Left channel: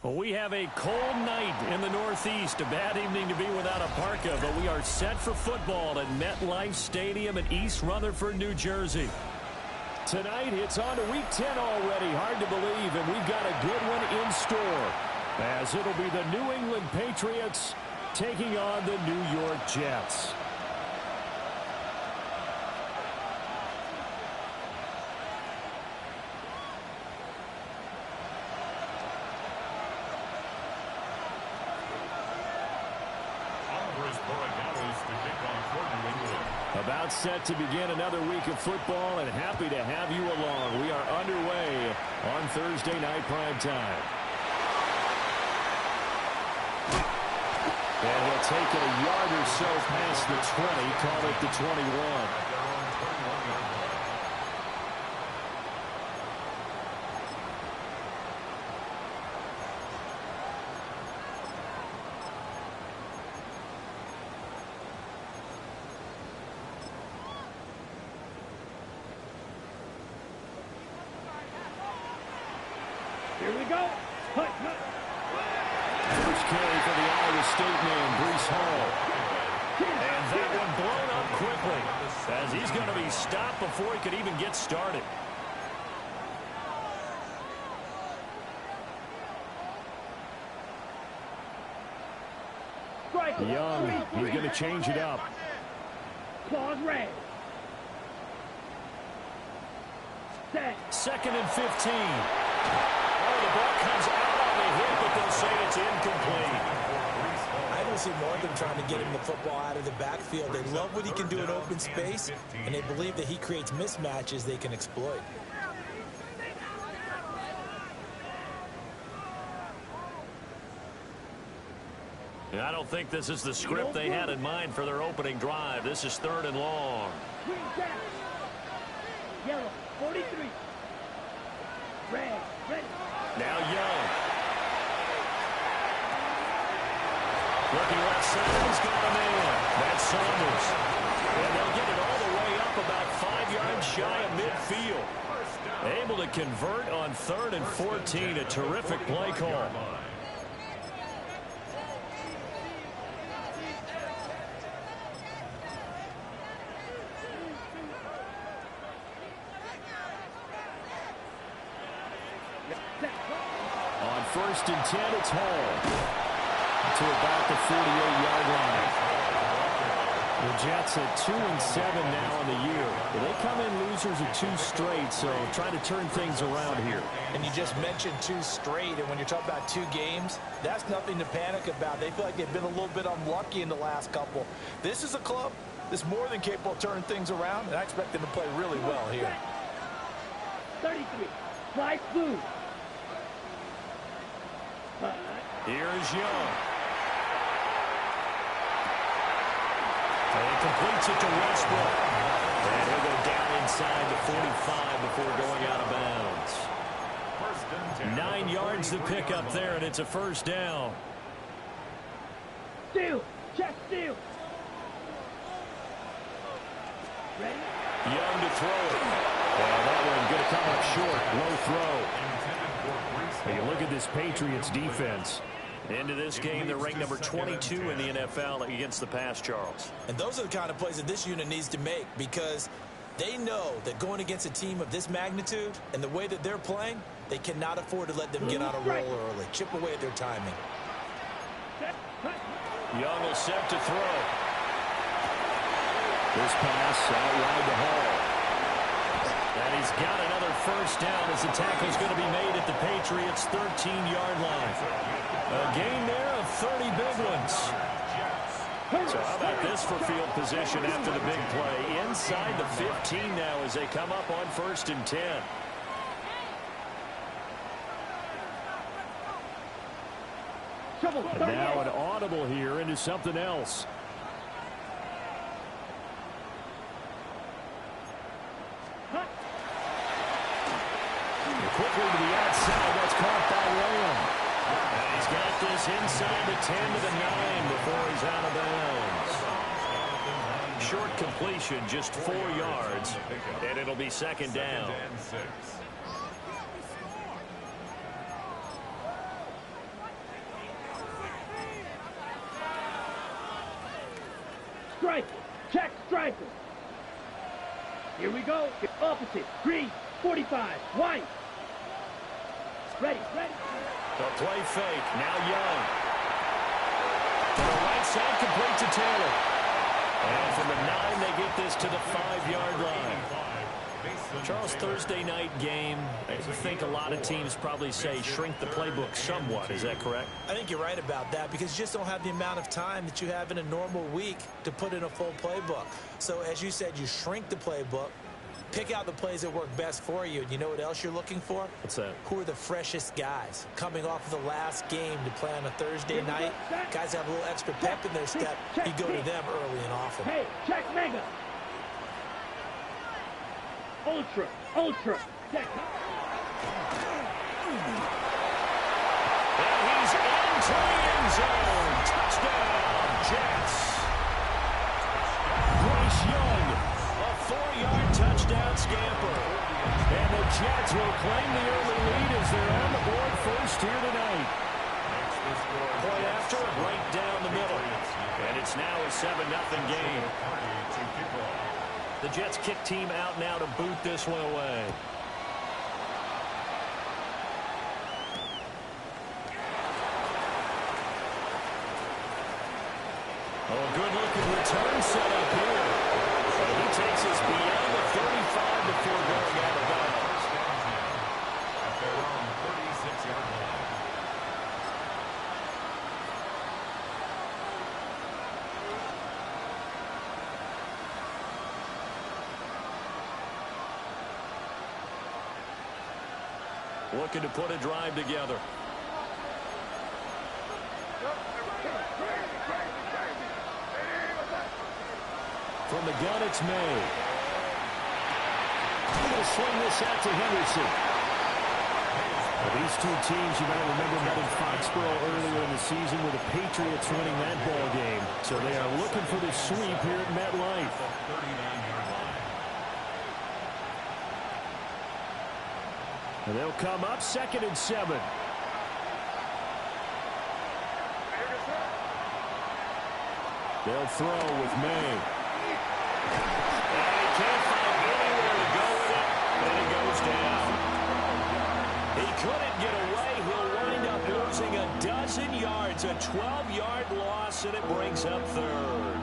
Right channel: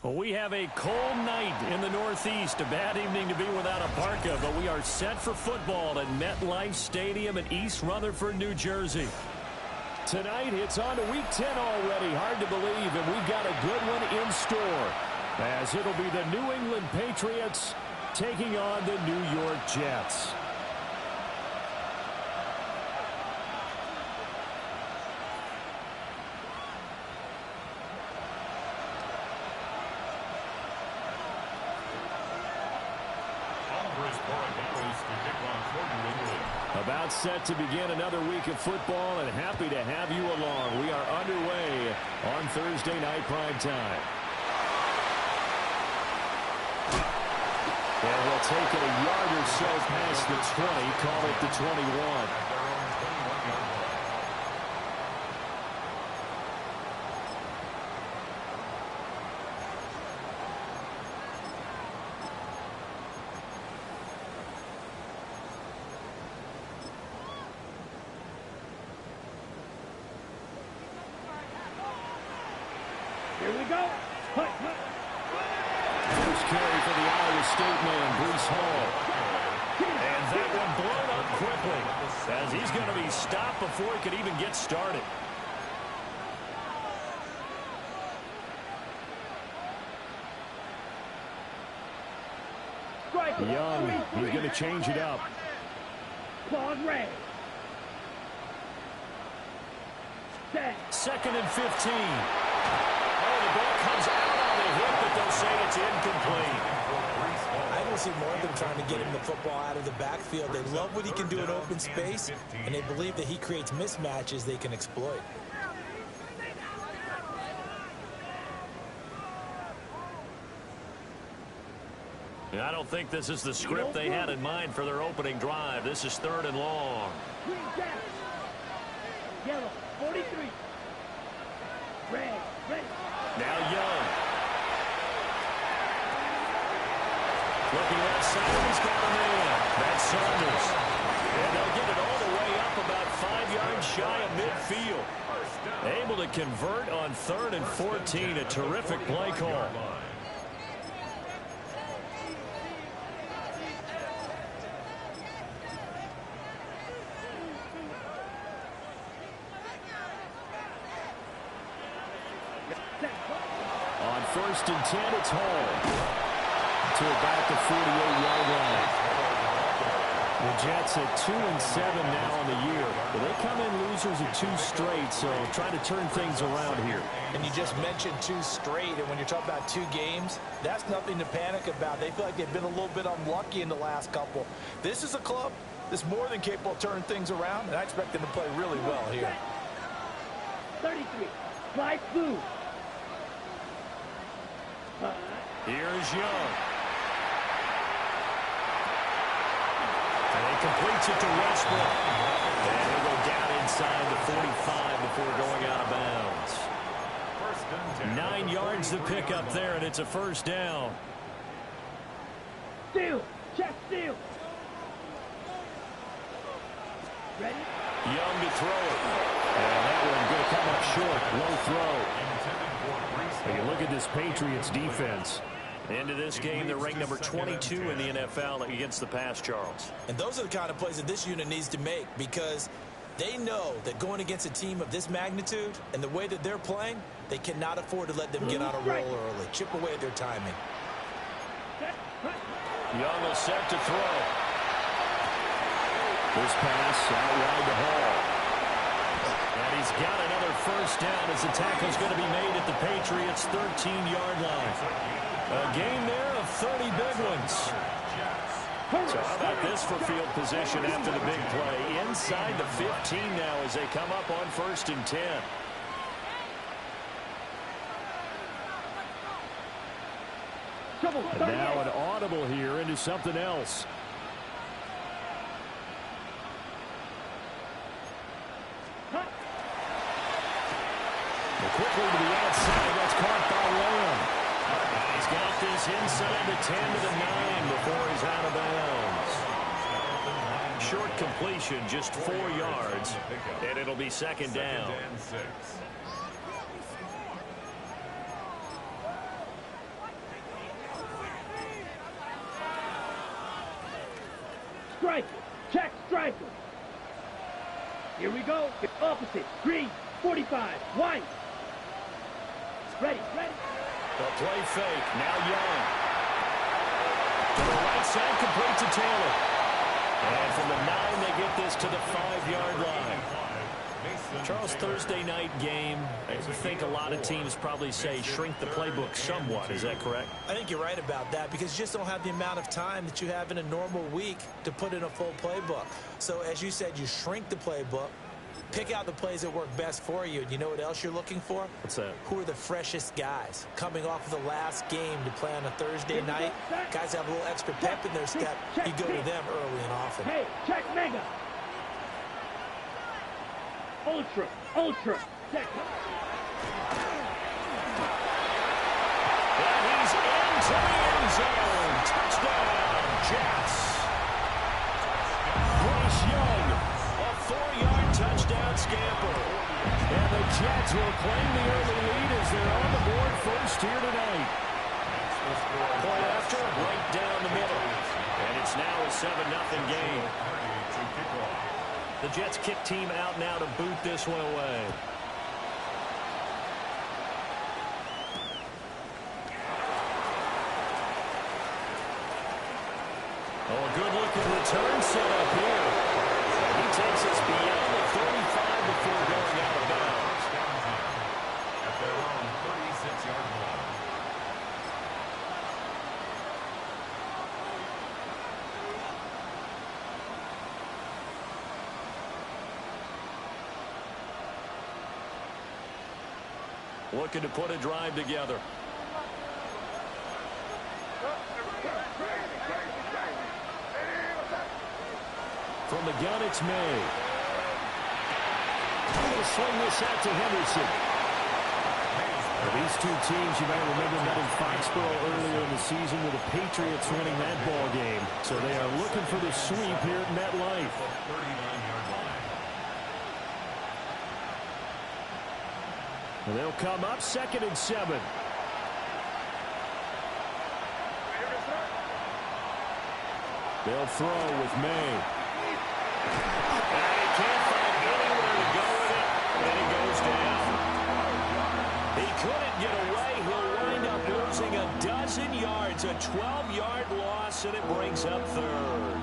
Well, we have a cold night in the Northeast. A bad evening to be without a parka, but we are set for football at MetLife Stadium in East Rutherford, New Jersey. Tonight, it's on to Week 10 already. Hard to believe, and we've got a good one in store, as it'll be the New England Patriots taking on the New York Jets. About set to begin another week of football, and happy to have you along. We are underway on Thursday night primetime. And he'll take it a yard or so past the 20, call it the 21. Here we go. Hut. First carry for the Iowa State man, Breece Hall. And that one blown up quickly, as he's going to be stopped before he could even get started. Young, he's going to change it up. Claws red. Set. 2nd and 15. Oh, the ball comes out on the hit, but they'll say it's incomplete. I don't see more of them trying to get him the football out of the backfield. They love what he can do in open space, and they believe that he creates mismatches they can exploit. I don't think this is the script they had in mind for their opening drive. This is 3rd and long. Green down. Yellow, 43. Red, ready. Now Young. Looking left side, and he's got a man. That's Saunders. And they'll get it all the way up about 5 yards shy of midfield. Able to convert on 3rd and 14. A terrific play call. On 1st and 10, it's Hall to about the 48-yard line. The Jets at 2-7 now on the year. They come in losers of 2 straight, so trying to turn things around here. And you just mentioned 2 straight, and when you're talking about 2 games, that's nothing to panic about. They feel like they've been a little bit unlucky in the last couple. This is a club that's more than capable of turning things around, and I expect them to play really well here. 33. Fly blue. Here's Young. And he completes it to Westbrook. And he'll go down inside the 45 before going out of bounds. 9 yards to pick up there, and it's a first down. Steal. Check steal. Ready? Young to throw it. And that one going to come up short. Low throw. You look at this Patriots defense. Into this game, they're ranked number 22 in the NFL against the pass, Charles. And those are the kind of plays that this unit needs to make, because they know that going against a team of this magnitude and the way that they're playing, they cannot afford to let them get on a roll early. Chip away at their timing. Young will set to throw. This pass out wide to Hall. And he's got another first down as the tackle's going to be made at the Patriots' 13-yard line. A gain there of 30 big ones. So how about this for field position after the big play? Inside the 15 now as they come up on 1st and 10. And now an audible here into something else. Quickly to the outside. That's caught by Lamb. And he's got this inside the 10 to the 9 before he's out of bounds. Short completion, just 4 yards, and it'll be 2nd down. striker. Check striker. Here we go. Opposite. Green. 45. White. Ready. The play fake. Now Young. To the right side, complete to Taylor. And from the 9, they get this to the 5-yard line. Charles, Thursday night game, I think a lot of teams probably say shrink the playbook somewhat. Is that correct? I think you're right about that because you just don't have the amount of time that you have in a normal week to put in a full playbook. So as you said, you shrink the playbook, pick out the plays that work best for you. And you know what else you're looking for? What's that? Who are the freshest guys coming off of the last game to play on a Thursday night? Guys have a little extra pep in their step. You go to them early and often. Hey, check mega. Ultra. Check. And he's into the end zone. Touchdown, Jets. Bryce Young, a 4-yard touchdown scamper. And the Jets will claim the early lead as they're on the board first here tonight. Point after, right down the middle. And it's now a 7-0 game. The Jets kick team out now to boot this one away. Oh, a good-looking return set up here. And he takes us beyond the 35 before going out of bounds. At their own 36-yard line. Looking to put a drive together. From the gun, it's May. Going to swing this out to Henderson. Now, these two teams, you might remember, met in Foxborough earlier in the season with the Patriots winning that ball game. So they are looking for the sweep here at MetLife. 39-yard line. And they'll come up 2nd and 7. They'll throw with May. And he can't find anywhere to go with it, and he goes down. He couldn't get away. He'll wind up losing a dozen yards, a 12-yard loss, and it brings up 3rd.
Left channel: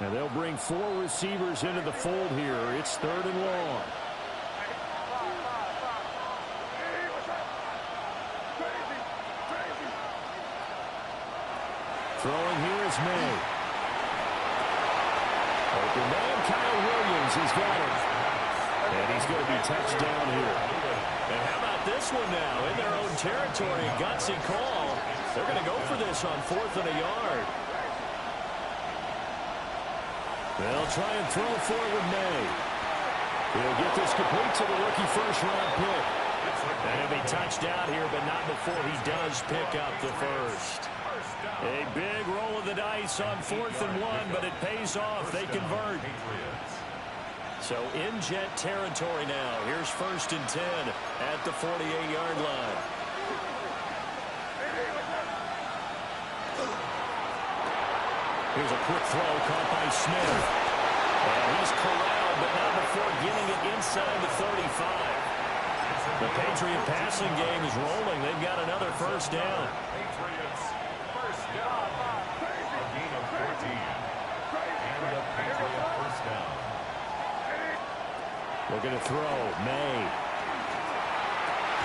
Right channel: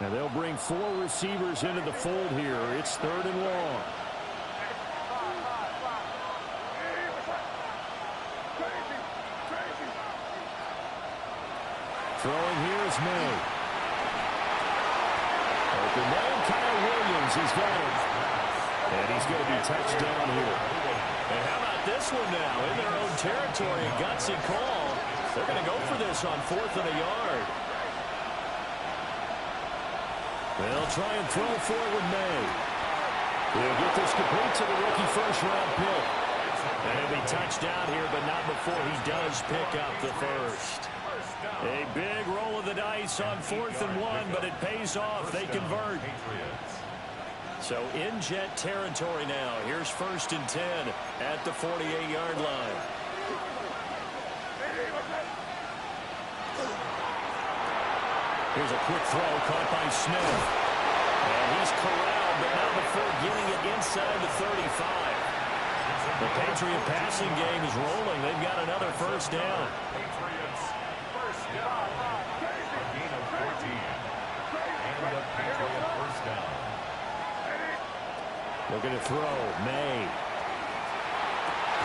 Now they'll bring 4 receivers into the fold here. It's 3rd and long. Throwing here is May. Open man, Kyle Williams has got him. And he's going to be touched down here. And how about this one now? In their own territory, a gutsy call. They're going to go for this on 4th and a yard. They'll try and throw forward May. He'll get this complete to the rookie first-round pick. And he'll be touched out here, but not before he does pick up the first. A big roll of the dice on 4th and 1, but it pays off. They convert. So in Jet territory now. Here's 1st and 10 at the 48-yard line. Here's a quick throw caught by Smith. And he's corralled, but not before getting it inside the 35. The Patriot passing game is rolling. They've got another first down. Patriots first down. A gain of 14. And the Patriot first down. Looking to throw. May.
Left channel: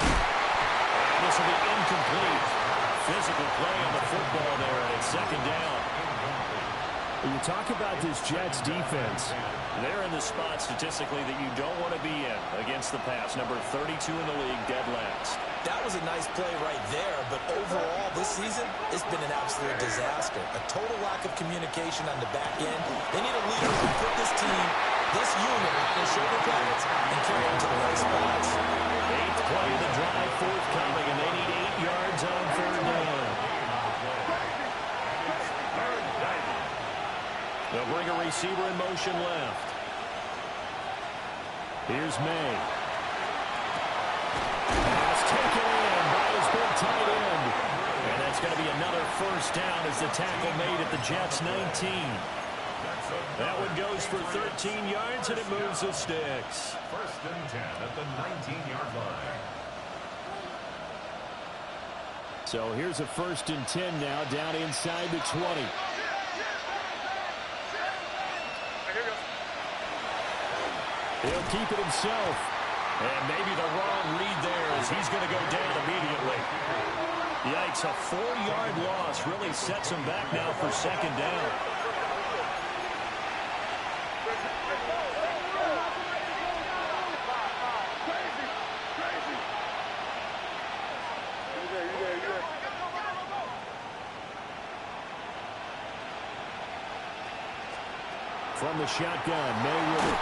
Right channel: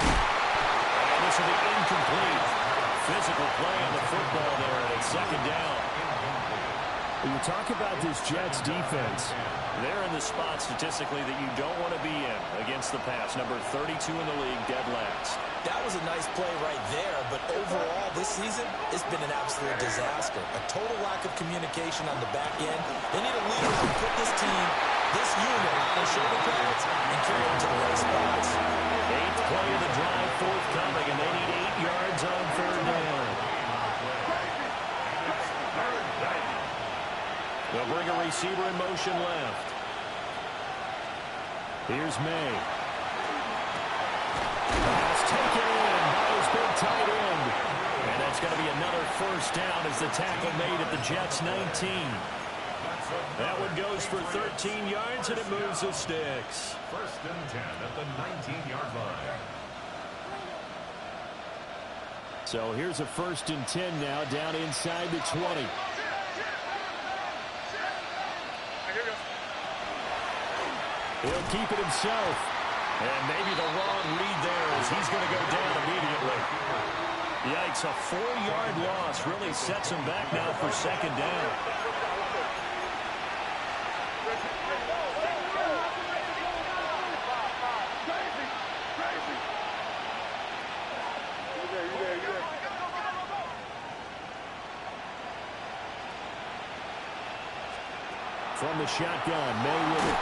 And this will be incomplete. Physical play on the football there, and it's 2nd down. When you talk about this Jets defense, they're in the spot statistically that you don't want to be in against the pass. Number 32 in the league, dead last. That was a nice play right there, but overall this season, it's been an absolute disaster. A total lack of communication on the back end. They need a leader who can put this team, this unit, on their shoulder pads and carry them to the right spots. 8th play of the drive forthcoming, and they need 8 yards on 3rd down. They'll bring a receiver in motion left. Here's May. Pass taken in by his big tight end. And that's going to be another first down as the tackle made at the Jets' 19. That one goes for 13 yards, and it moves the sticks. First and 10 at the 19-yard line. So here's a first and 10 now, down inside the 20. He'll keep it himself. And maybe the wrong read there as he's going to go down immediately. Yikes, a 4-yard loss really sets him back now for second down. From the shotgun, May with it.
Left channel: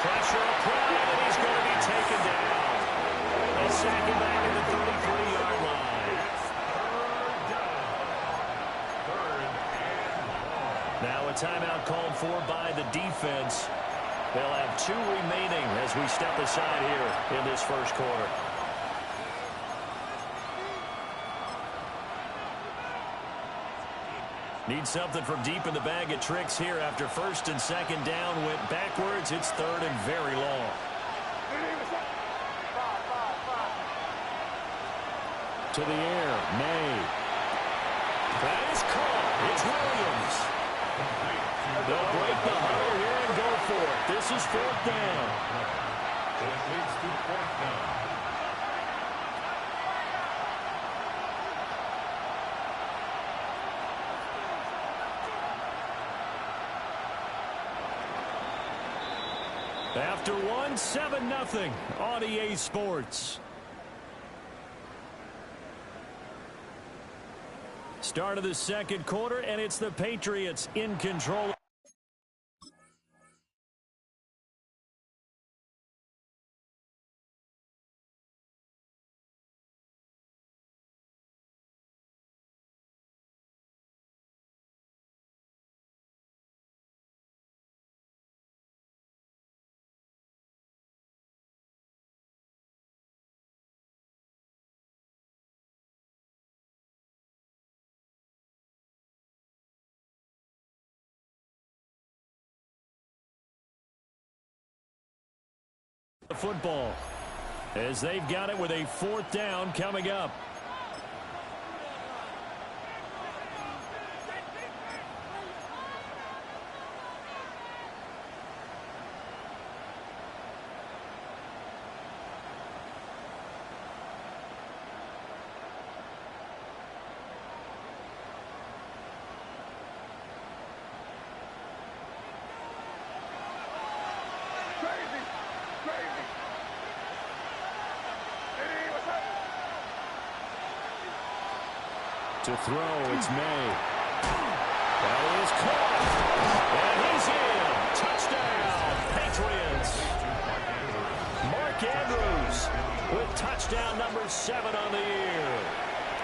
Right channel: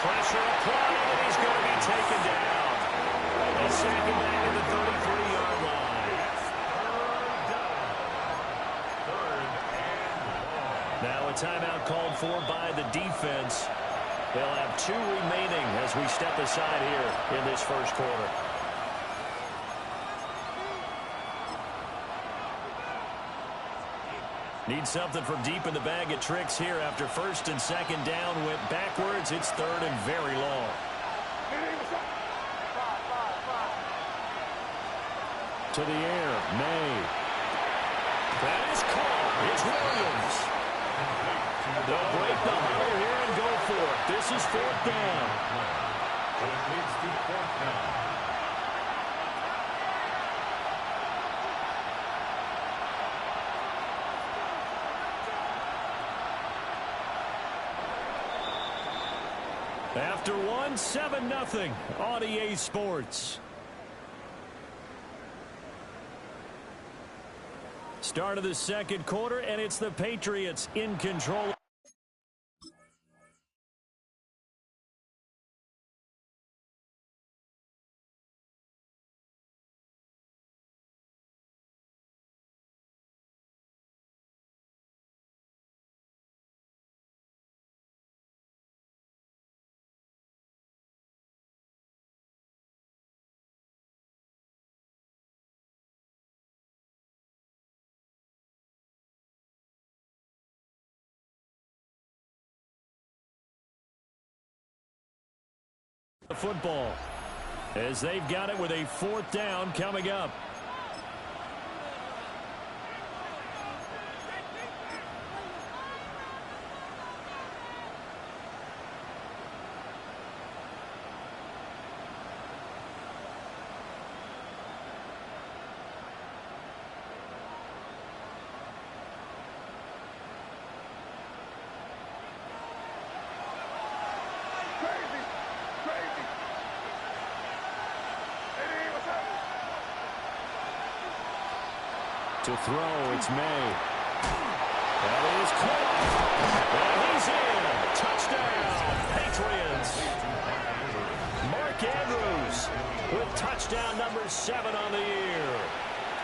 Pressure applied, and he's going to be taken down. They sack him back at the 33-yard line. Now a timeout called for by the defense. They'll have 2 remaining as we step aside here in this first quarter. Need something from deep in the bag of tricks here after first and second down went backwards. It's third and very long. To the air, May. That is caught. It's Williams. They'll break the huddle here and go for it. This is fourth down. So it leads to fourth down. After one, 7-0 on EA Sports. Start of the second quarter, and it's the Patriots in control. The football as they've got it with a fourth down coming up. To throw, it's May. That is caught. And he's in. Touchdown, Patriots. Mark Andrews with touchdown number 7 on the year.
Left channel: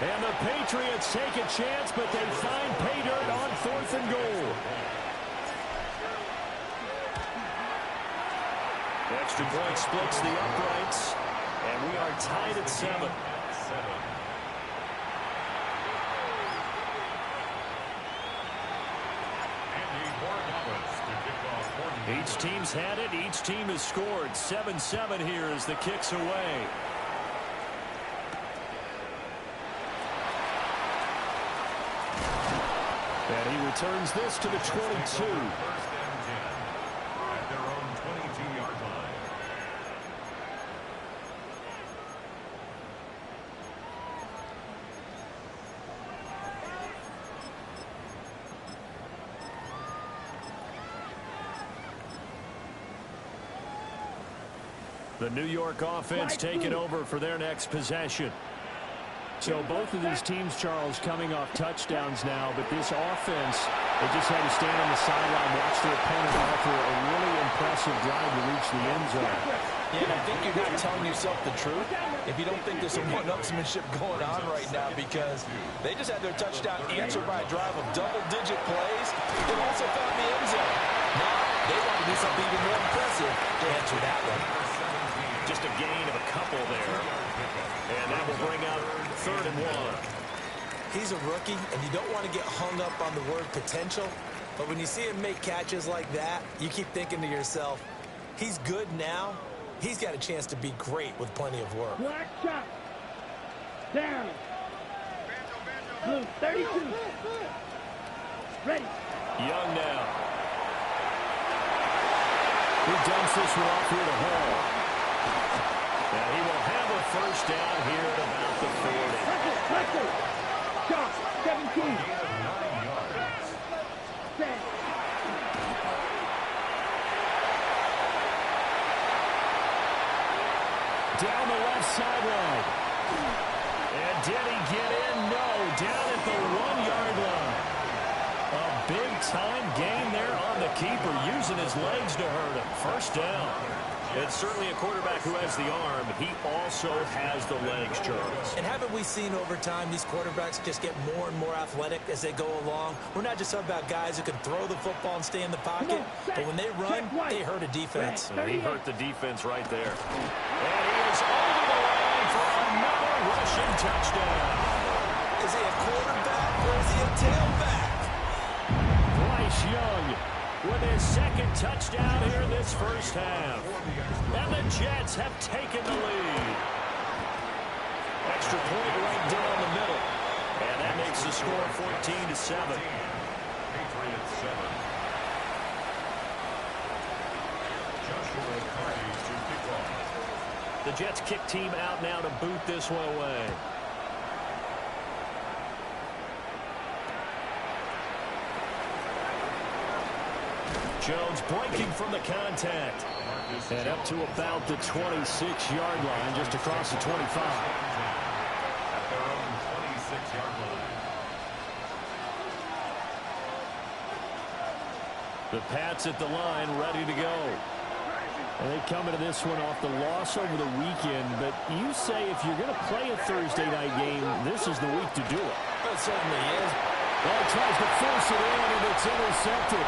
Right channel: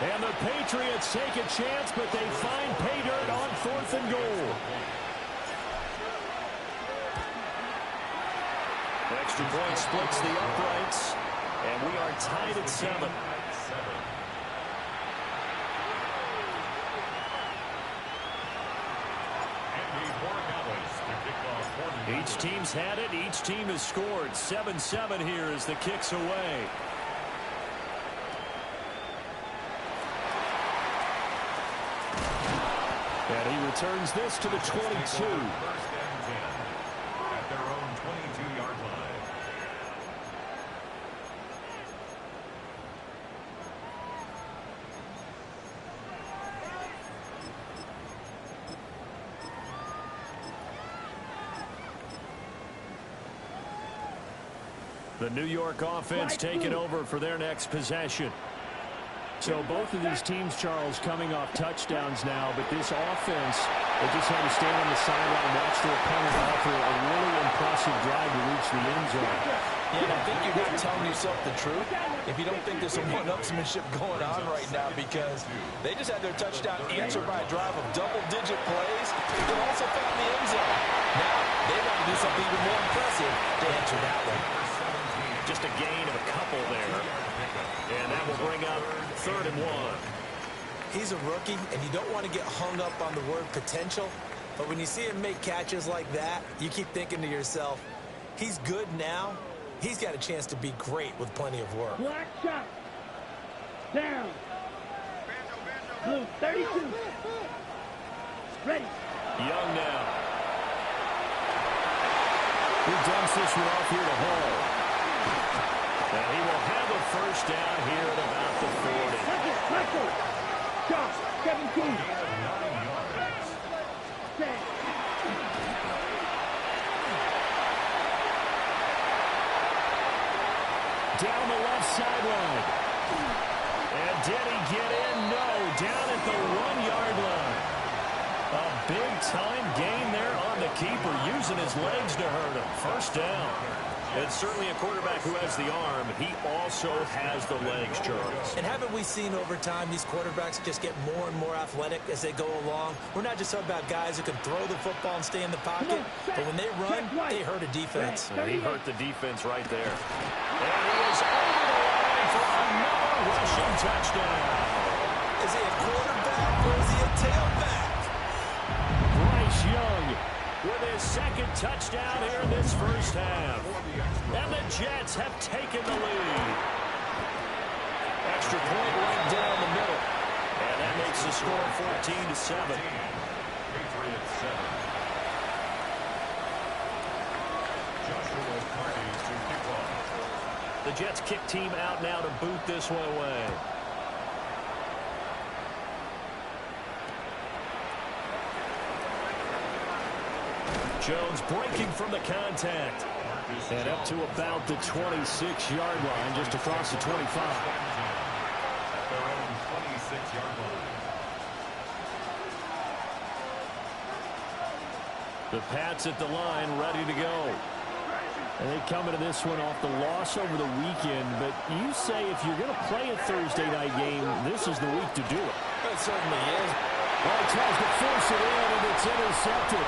And the Patriots take a chance, but they find pay dirt on 4th and goal. Extra point splits the uprights, and we are tied at 7. Each team's had it. Each team has scored. 7-7 here as the kick's away. And he returns this to the 22. First and 10 at their own 22-yard line. The New York offense taking over for their next possession. So both of these teams, Charles, coming off touchdowns now, but this offense, they just had to stand on the sideline, watch their opponent offer a really impressive drive to reach the end zone. Yeah, and I think you're not telling yourself the truth if you don't think there's some one-upsmanship going on right now, because they just had their touchdown answered by a drive of double-digit plays and also found the end zone. Now they want to do something even more impressive to answer that one. Just a gain of a couple there. And that will bring up 3rd and 1. He's a rookie, and you don't want to get hung up on the word potential. But when you see him make catches like that, you keep thinking to yourself, he's good now. He's got a chance to be great with plenty of work. Black shot. Down. Blue, 32. Ready. Young now. He dumps this one off here to Hall. And he will have a first down here at about the 40. Shot, 17. Gain of 9 yards. Set. Down the left sideline. And did he get in? No. Down at the 1-yard line. A big-time gain there on the keeper, using his legs to hurt him. First down. It's certainly a quarterback who has the arm. He also has the legs, Charles. And haven't we seen over time these quarterbacks just get more and more athletic as they go along? We're not just talking about guys who can throw the football and stay in the pocket, but when they run, they hurt a defense. And he hurt the defense right there. And he is over the line for another rushing touchdown. Is he a quarterback or is he a tailback? Bryce Young with his second touchdown here in this first half. And the Jets have taken the lead. Extra point right down the middle. And that makes the score 14-7. Patriots 7. Joshua Carty to kick off. The Jets kick team out now to boot this one away. Jones breaking from the contact. And up to about the 26-yard line, just across the 25. At their own 26-yard line. The Pats at the line, ready to go. And they come into this one off the loss over the weekend, but you say if you're going to play a Thursday night game, this is the week to do it. It certainly is. Oh, he tries to force it in, and it's intercepted.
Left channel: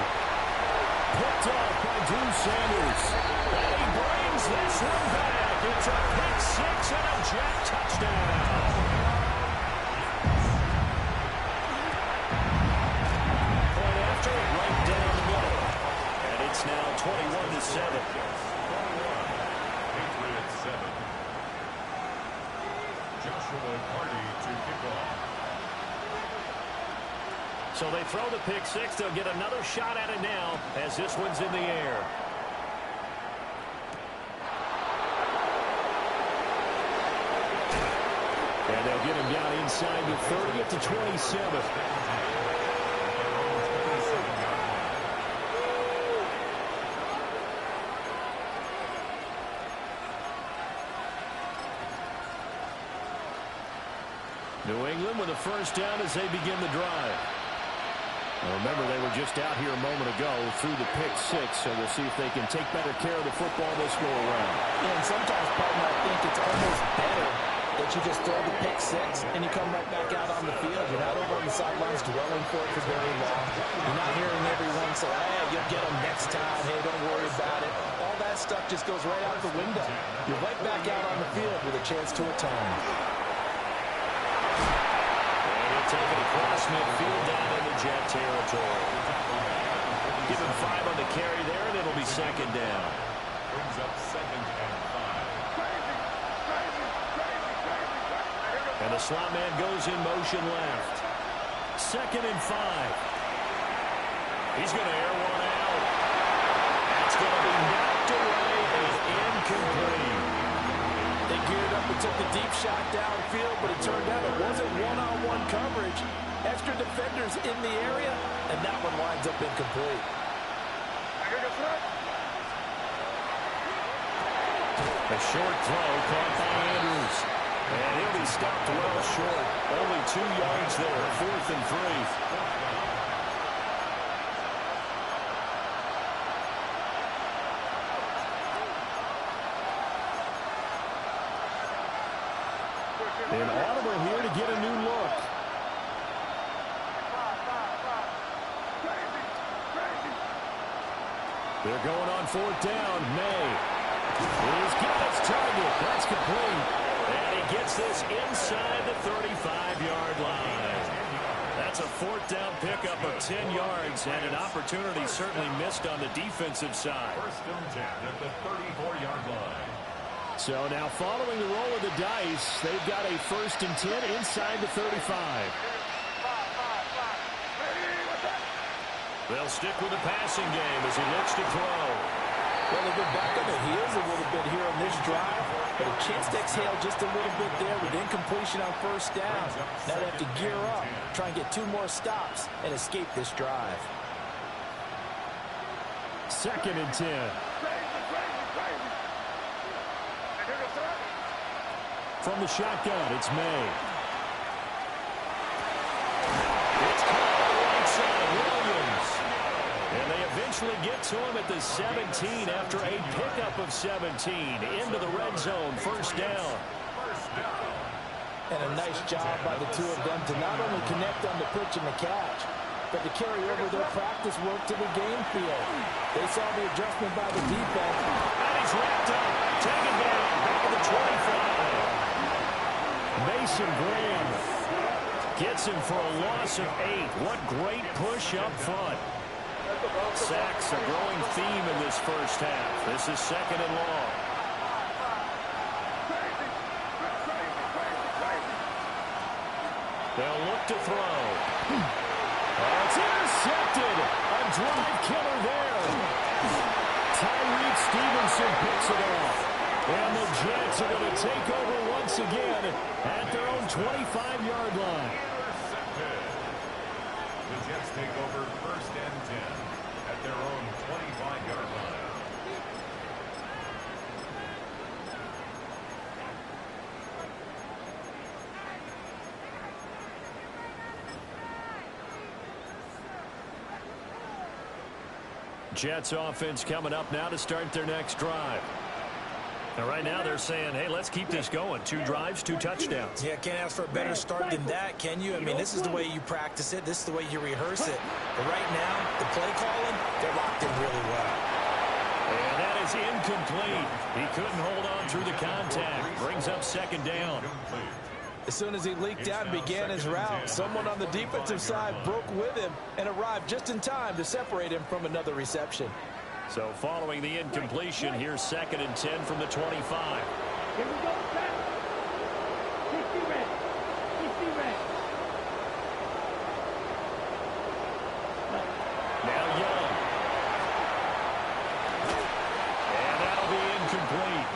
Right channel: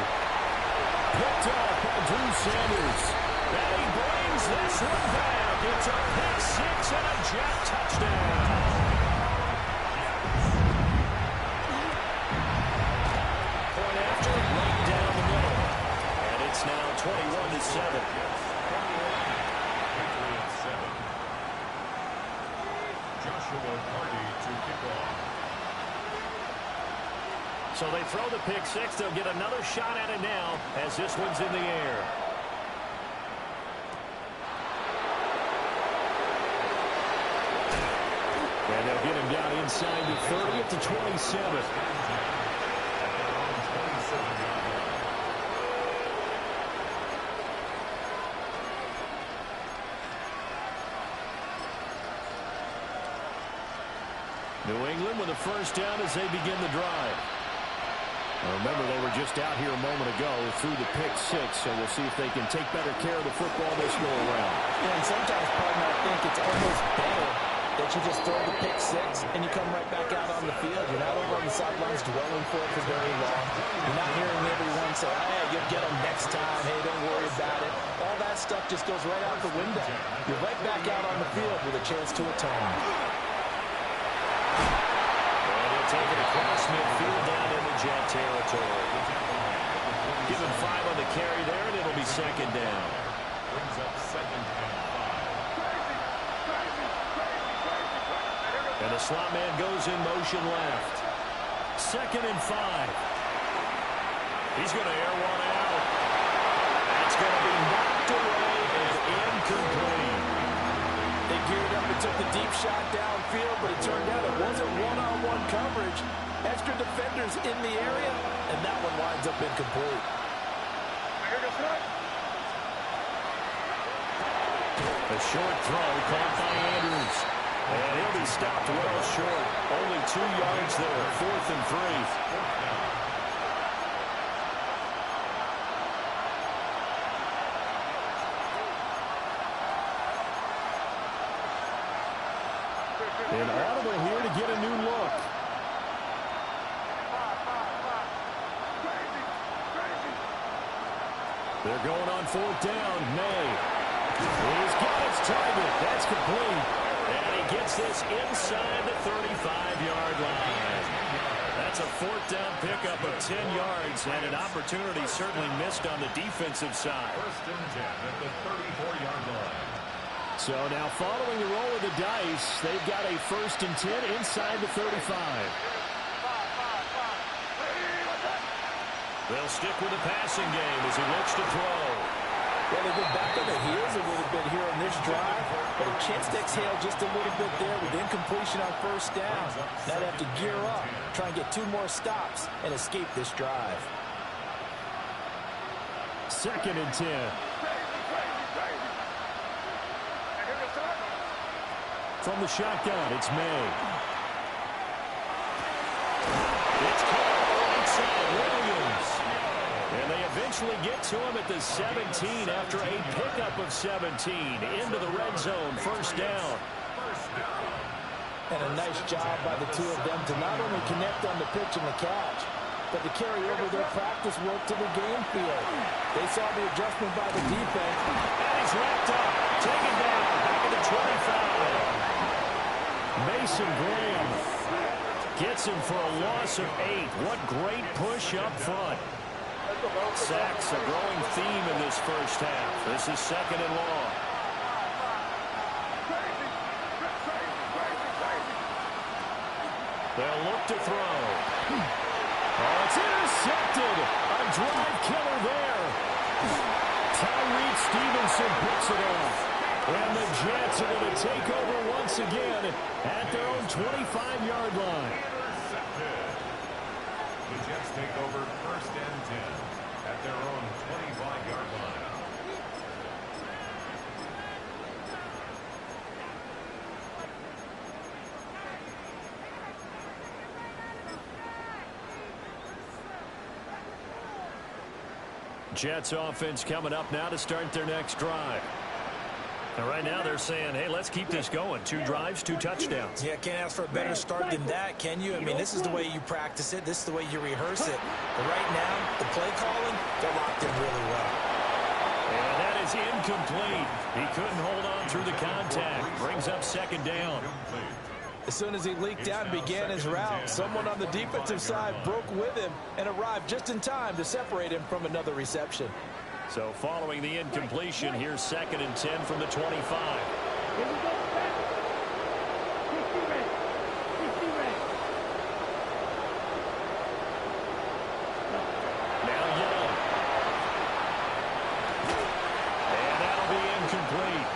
Picked off by Drew Sanders. And he brings this one back. It's a pick six and a Jet touchdown. Point after, right down the middle. And it's now 21-7. 21. Patriots 7. Joshua Carty to kick off. So they throw the pick six. They'll get another shot at it now as this one's in the air. And they'll get him down inside the 30 at the 27. At their own 27-yard line. New England with a first down as they begin the drive. Now remember, they were just out here a moment ago through the pick six, so we'll see if they can take better care of the football this go around. Yeah, and sometimes, partner, I think it's almost better that you just throw the pick six and you come right back out on the field. You're not over on the sidelines dwelling for it for very long. You're not hearing everyone say, hey, you'll get them next time. Hey, don't worry about it. All that stuff just goes right out the window. You're right back out on the field with a chance to atone. And he'll take it across midfield down into Jet territory. Give him 5 on the carry there, and it'll be second down. Brings up 2nd and 5. And the slot man goes in motion left. 2nd and 5. He's going to air one out. That's going to be knocked away and incomplete. They geared up and took the deep shot downfield, but it turned out it wasn't one-on-one coverage. Extra defenders in the area, and that one winds up incomplete. A short throw caught by Andrews. And he'll be stopped well short. Only 2 yards there, 4th and 3. And audible here to get a new look. They're going on 4th down. May. He's got his target. That's complete. And he gets this inside the 35-yard line. That's a fourth down pickup of 10 yards, and an opportunity certainly missed on the defensive side. First and 10 at the 34-yard line. So now following the roll of the dice, they've got a first and 10 inside the 35. They'll stick with the passing game as he looks to throw. Well, they've been back on the heels a little bit here on this drive, but a chance to exhale just a little bit there with incompletion on first down. Now they have to gear up, try and get 2 more stops, and escape this drive. Second and 10. From the shotgun, it's May. It's caught on the right side, Williams. And they eventually get to him at the 17 after a pickup of 17 into the red zone, first down. And a nice job by the two of them to not only connect on the pitch and the catch, but to carry over their practice work to the game field. They saw the adjustment by the defense. And he's wrapped up, taken down, back at the 25. Mason Graham gets him for a loss of 8. What great push up front. Sacks a growing theme in this first half. This is second and long. They'll look to throw. Oh, it's intercepted. A drive killer there. Tyreek Stevenson picks it off. And the Jets are going to take over once again at their own 25-yard line. Intercepted. The Jets take over first and 10 at their own 25-yard line. Jets offense coming up now to start their next drive. And right now they're saying, hey, let's keep this going. 2 drives, 2 touchdowns. Yeah, can't ask for a better start than that, can you? I mean, this is the way you practice it. This is the way you rehearse it. But right now, the play calling, they're locked in really well. And that is incomplete. He couldn't hold on through the contact. Brings up second down. As soon as he leaked out and began his route, someone on the defensive side broke with him and arrived just in time to separate him from another reception. So following the incompletion, here's second and 10 from the 25. Here we go, back. 60 red. 60 red. Now Young. And that'll be incomplete.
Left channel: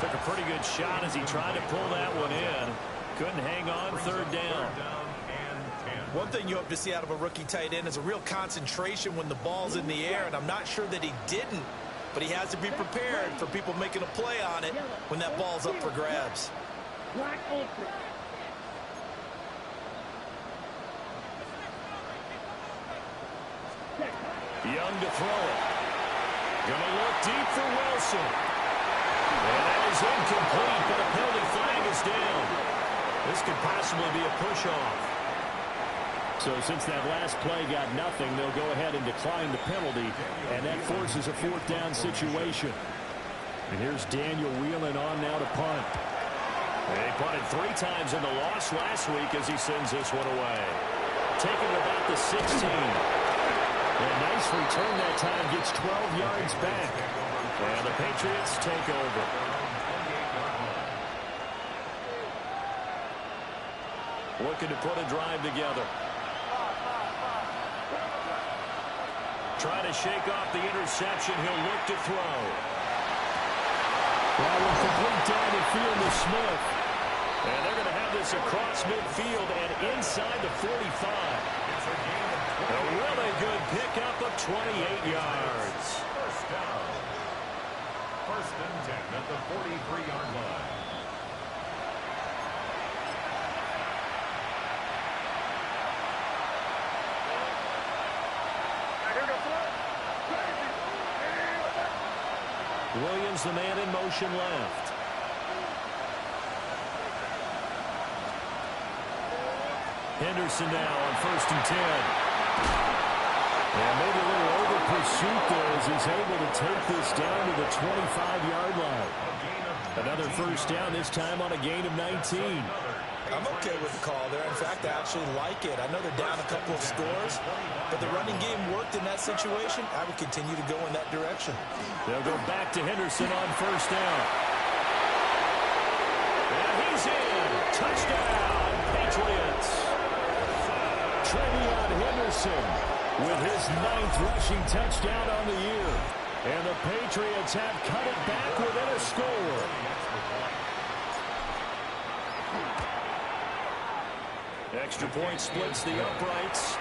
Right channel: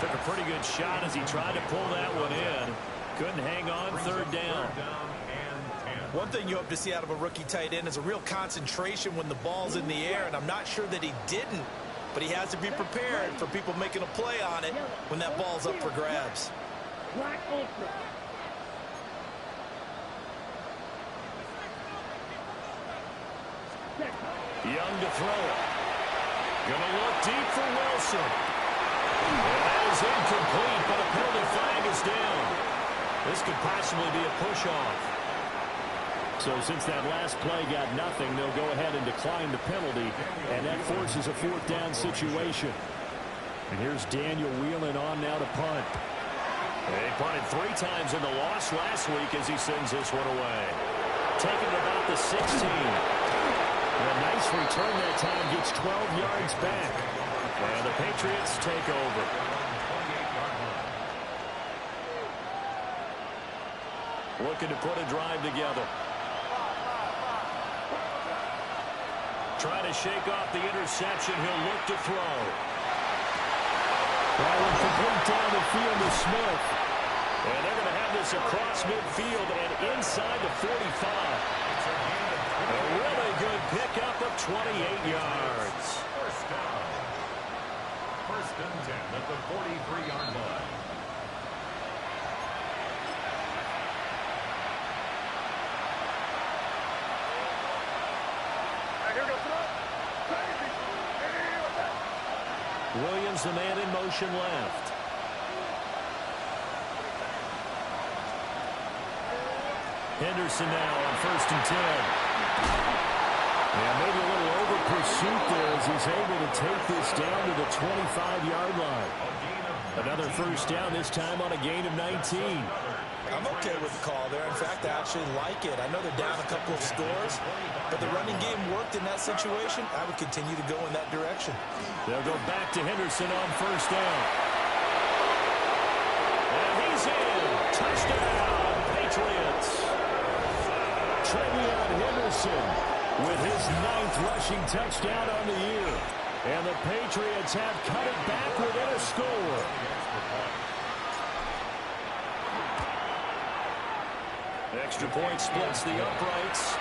Took a pretty good shot as he tried to pull that one in. Couldn't hang on, third down. One thing you hope to see out of a rookie tight end is a real concentration when the ball's in the air, and I'm not sure that he didn't, but he has to be prepared for people making a play on it when that ball's up for grabs. Black ultra. Young to throw it. Gonna look deep for Wilson. And that is incomplete, but a penalty flag is down. This could possibly be a push-off. So since that last play got nothing, they'll go ahead and decline the penalty, and that forces a fourth down situation. And here's Daniel wheeling on now to punt. He punted 3 times in the loss last week as he sends this one away. Taking it about the 16. And a nice return that time, gets 12 yards back. And the Patriots take over. Looking to put a drive together. Trying to shake off the interception. He'll look to throw. That one complete down the field to Smith. And they're going to have this across midfield and inside the 45. A really good pickup of 28 yards. First down. First and 10 at the 43-yard line. Williams, the man in motion left. Henderson now on first and 10. Yeah, maybe a little over pursuit there as he's able to take this down to the 25-yard line. Another first down, this time on a gain of 19. I'm okay with the call there. In fact, I actually like it. I know they're down a couple of scores, but the running game worked in that situation. I would continue to go in that direction. They'll go back to Henderson on first down. And he's in. Touchdown, Patriots. Trevion Henderson with his 9th rushing touchdown on the year. And the Patriots have cut it back within a score. Extra point splits the uprights.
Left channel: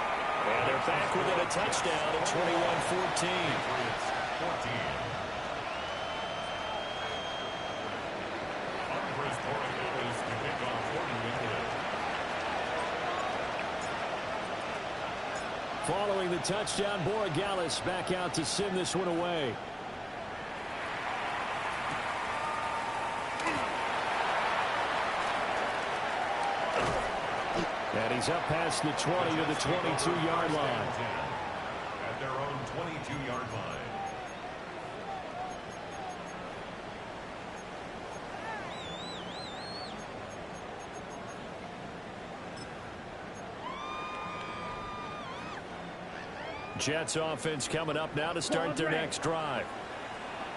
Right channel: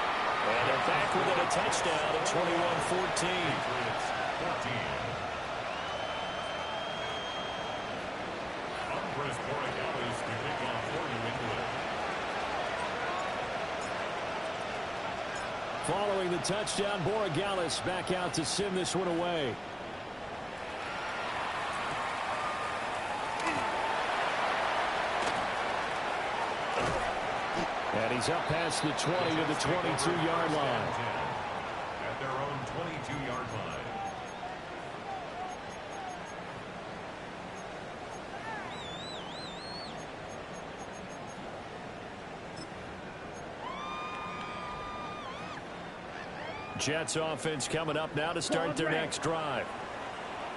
And they're back within a touchdown at 21-14. Following the touchdown, Borregales back out to send this one away. And he's up past the 20 to the 22-yard line. At their own 22-yard line. Jets offense coming up now to start their next drive.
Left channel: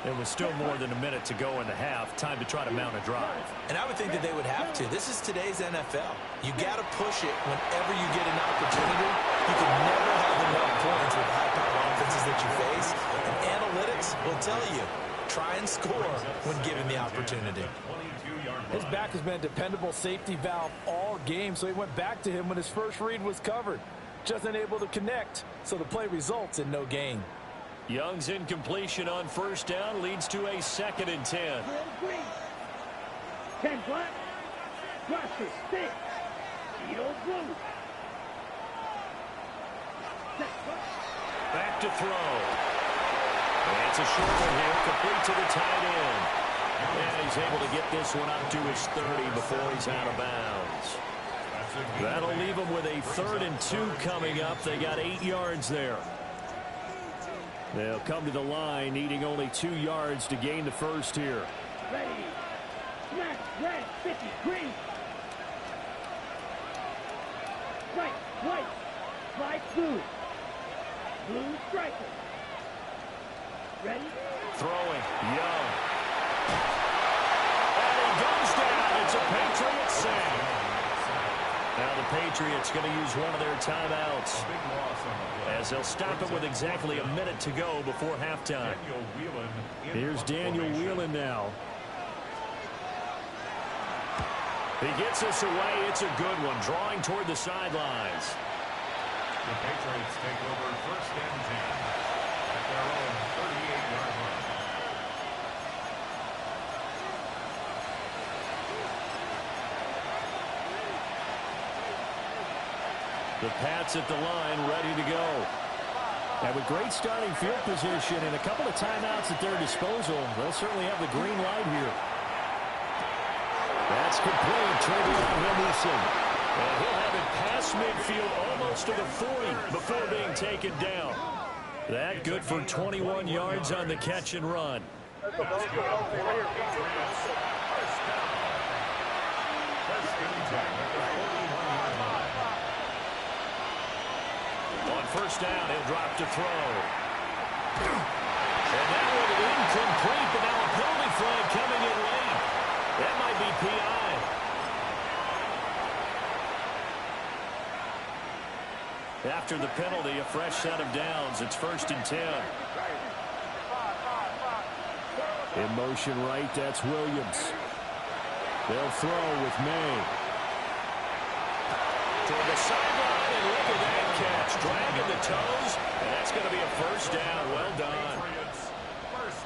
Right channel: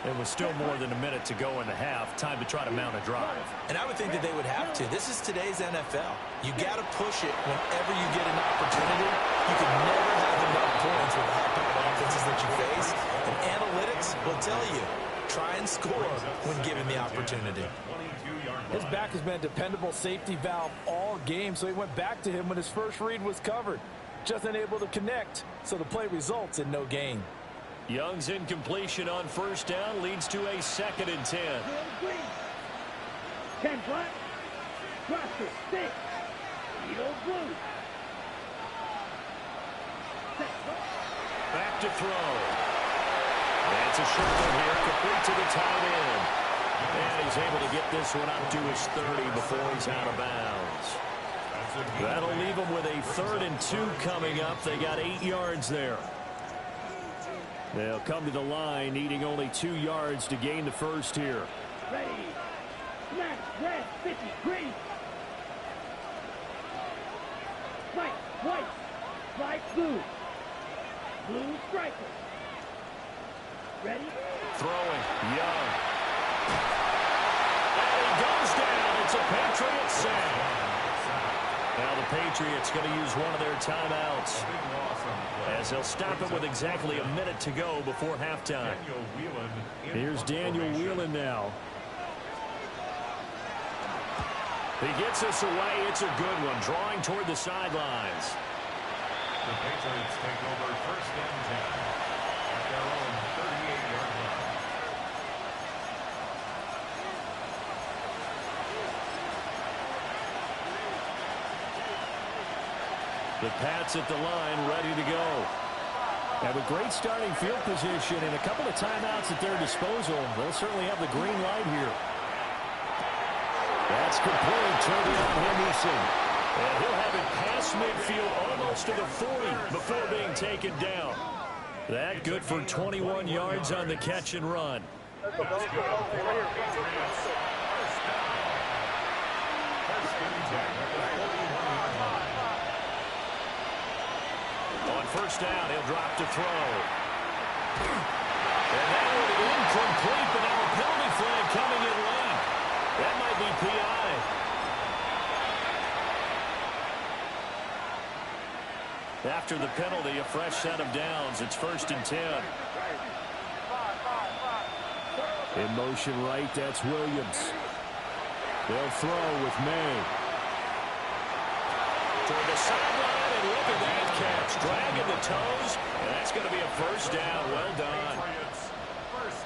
It was still more than a minute to go in the half. Time to try to mount a drive. And I would think that they would have to. This is today's NFL. You got to push it whenever you get an opportunity. You can never have enough points with the high-powered offenses that you face. And analytics will tell you, try and score when given the opportunity. His back has been a dependable safety valve all game, so he went back to him when his first read was covered. Just unable to connect, so the play results in no gain. Young's incompletion on first down leads to a 2nd and 10. 10 black. Cross it. 6. Eagle blue. Back to throw. And it's a short one here, complete to the tight end. And he's able to get this one up to his 30 before he's out of bounds. That'll leave them with a 3rd and 2 coming up. They got 8 yards there. They'll come to the line, needing only 2 yards to gain the first here. Ready. Black, red, 50, green. White, black, blue. Blue striker. Ready? Throwing, Young. And he goes down. It's a Patriots save. Now the Patriots going to use one of their timeouts as they'll stop it with exactly a minute to go before halftime. Here's Daniel Whelan now. He gets us away. It's a good one, drawing toward the sidelines. The Patriots take over 1st and 10 at their own 38-yard line. The Pats at the line, ready to go. And with great starting field position and a couple of timeouts at their disposal, they'll certainly have the green light here. That's complete. Trevion Henderson. And he'll have it past midfield almost to the 40 before being taken down. That good for 21 yards on the catch and run. First and 10 at the 41-yard line. On first down, he'll drop to throw. And that one incomplete, but now a penalty flag coming in late. That might be PI. After the penalty, a fresh set of downs. It's 1st and 10. In motion right, that's Williams. They'll throw with May. Toward the sideline, and look at that catch. Dragging the toes, and that's going to be a first down. Well done.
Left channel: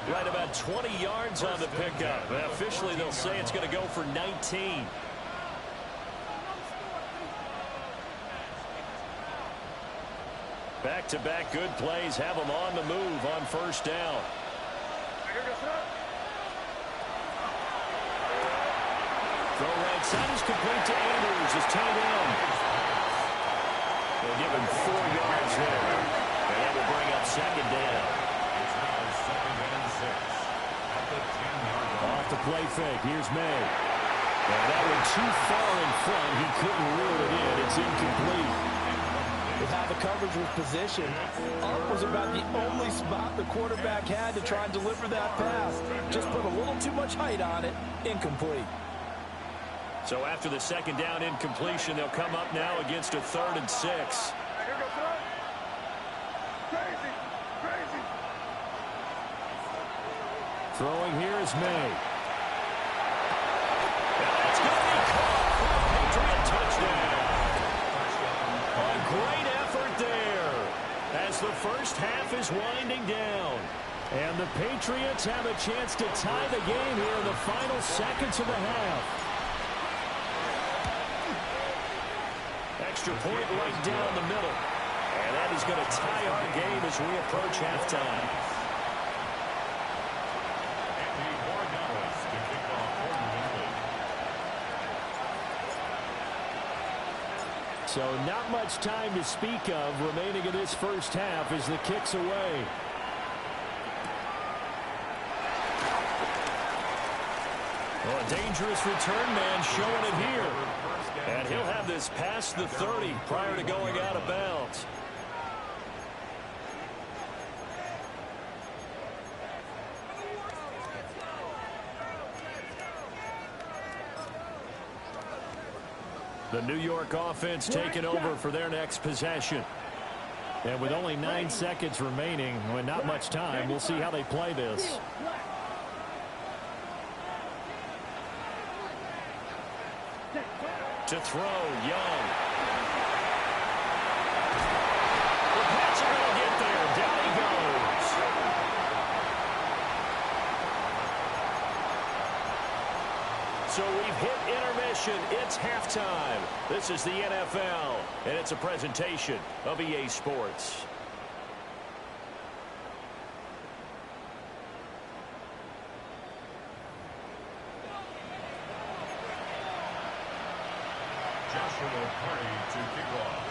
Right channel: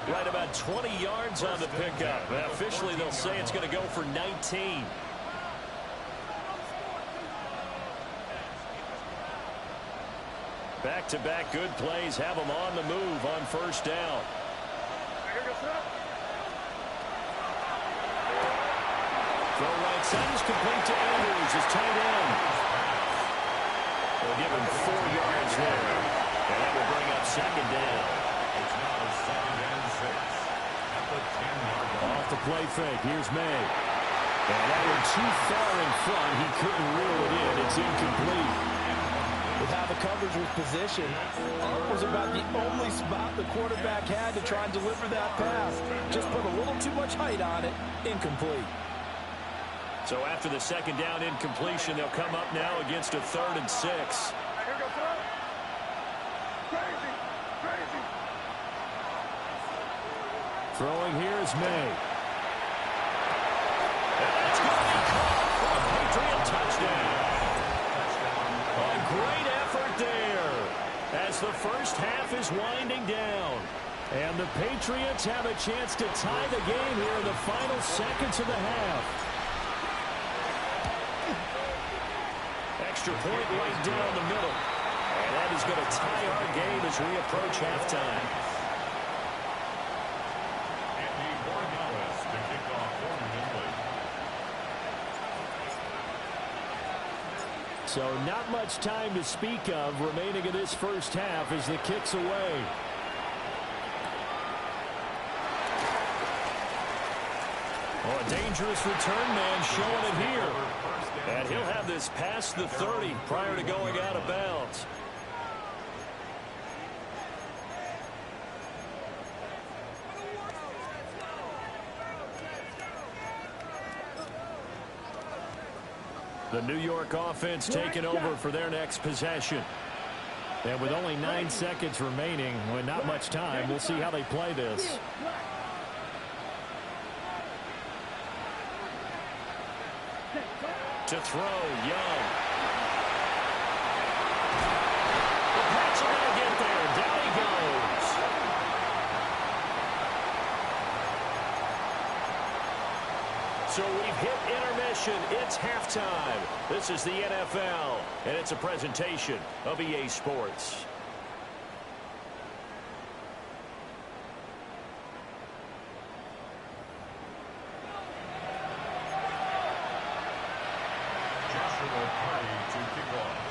Right about 20 yards on the pickup. Officially, they'll say it's going to go for 19. Back-to-back good plays have them on the move on first down. Throw right side is complete to Andrews, his tight end. They'll give him 4 yards there. And that will bring up second down. It's now 2nd and 6 at the 10-yard line. Off the play fake. Here's May. And that went too far in front. He couldn't reel it in. It's incomplete. With how the coverage was positioned, up was about the only spot the quarterback had to try and deliver that pass. Just put a little too much height on it. Incomplete. So after the second down incompletion, they'll come up now against a 3rd and 6. Throwing here is May. And that's going to be caught for a Patriot touchdown. A great effort there as the first half is winding down. And the Patriots have a chance to tie the game here in the final seconds of the half. Extra point right down the middle. And that is going to tie our game as we approach halftime. Andy Borregales to kick off for New England. So not much time to speak of remaining in this first half as the kick's away. Oh, a dangerous return man showing it here. And he'll have this past the 30 prior to going out of bounds. The New York offense taking over for their next possession. And with only 9 seconds remaining, with not much time, we'll see how they play this. To throw, Young. The Pats are going to get there. Down he goes. So we've hit intermission. It's halftime. This is the NFL, and it's a presentation of EA Sports. Joshua Party to kick off.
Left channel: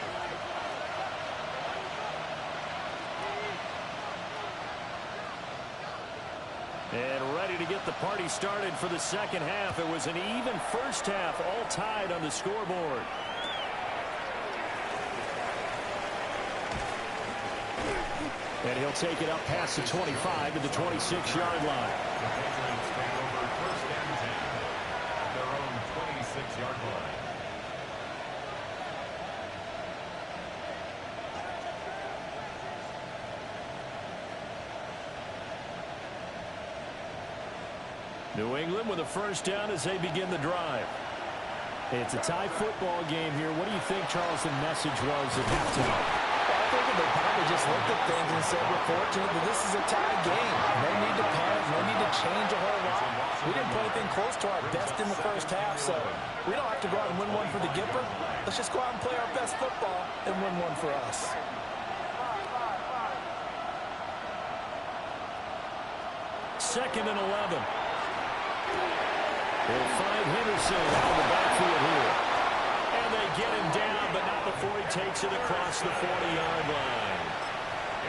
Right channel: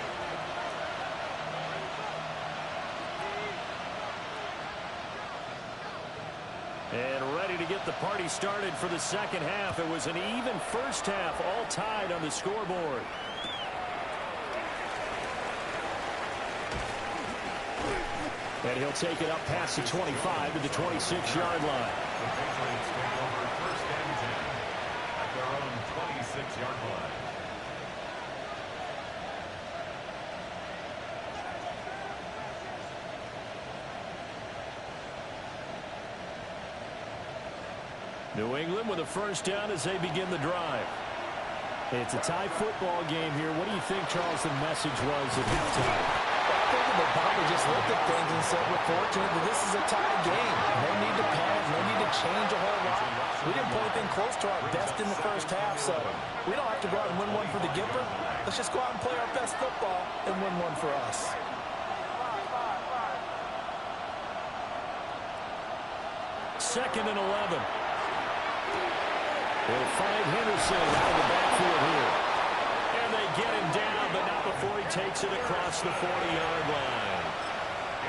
And ready to get the party started for the second half. It was an even first half, all tied on the scoreboard. And he'll take it up past the 25 to the 26-yard line. The Patriots take over 1st and 10 at their own 26-yard line. New England with a first down as they begin the drive. It's a tie football game here. What do you think, Charles, the message was at halftime? Well, I think they probably just looked at things and said, we're fortunate that this is a tie game. No need to panic, no need to change a whole lot. We didn't play anything close to our best in the first half, so we don't have to go out and win one for the Gipper. Let's just go out and play our best football and win one for us. Second and 11. They'll find Henderson out of the backfield here. And they get him down, but not before he takes it across the 40-yard line.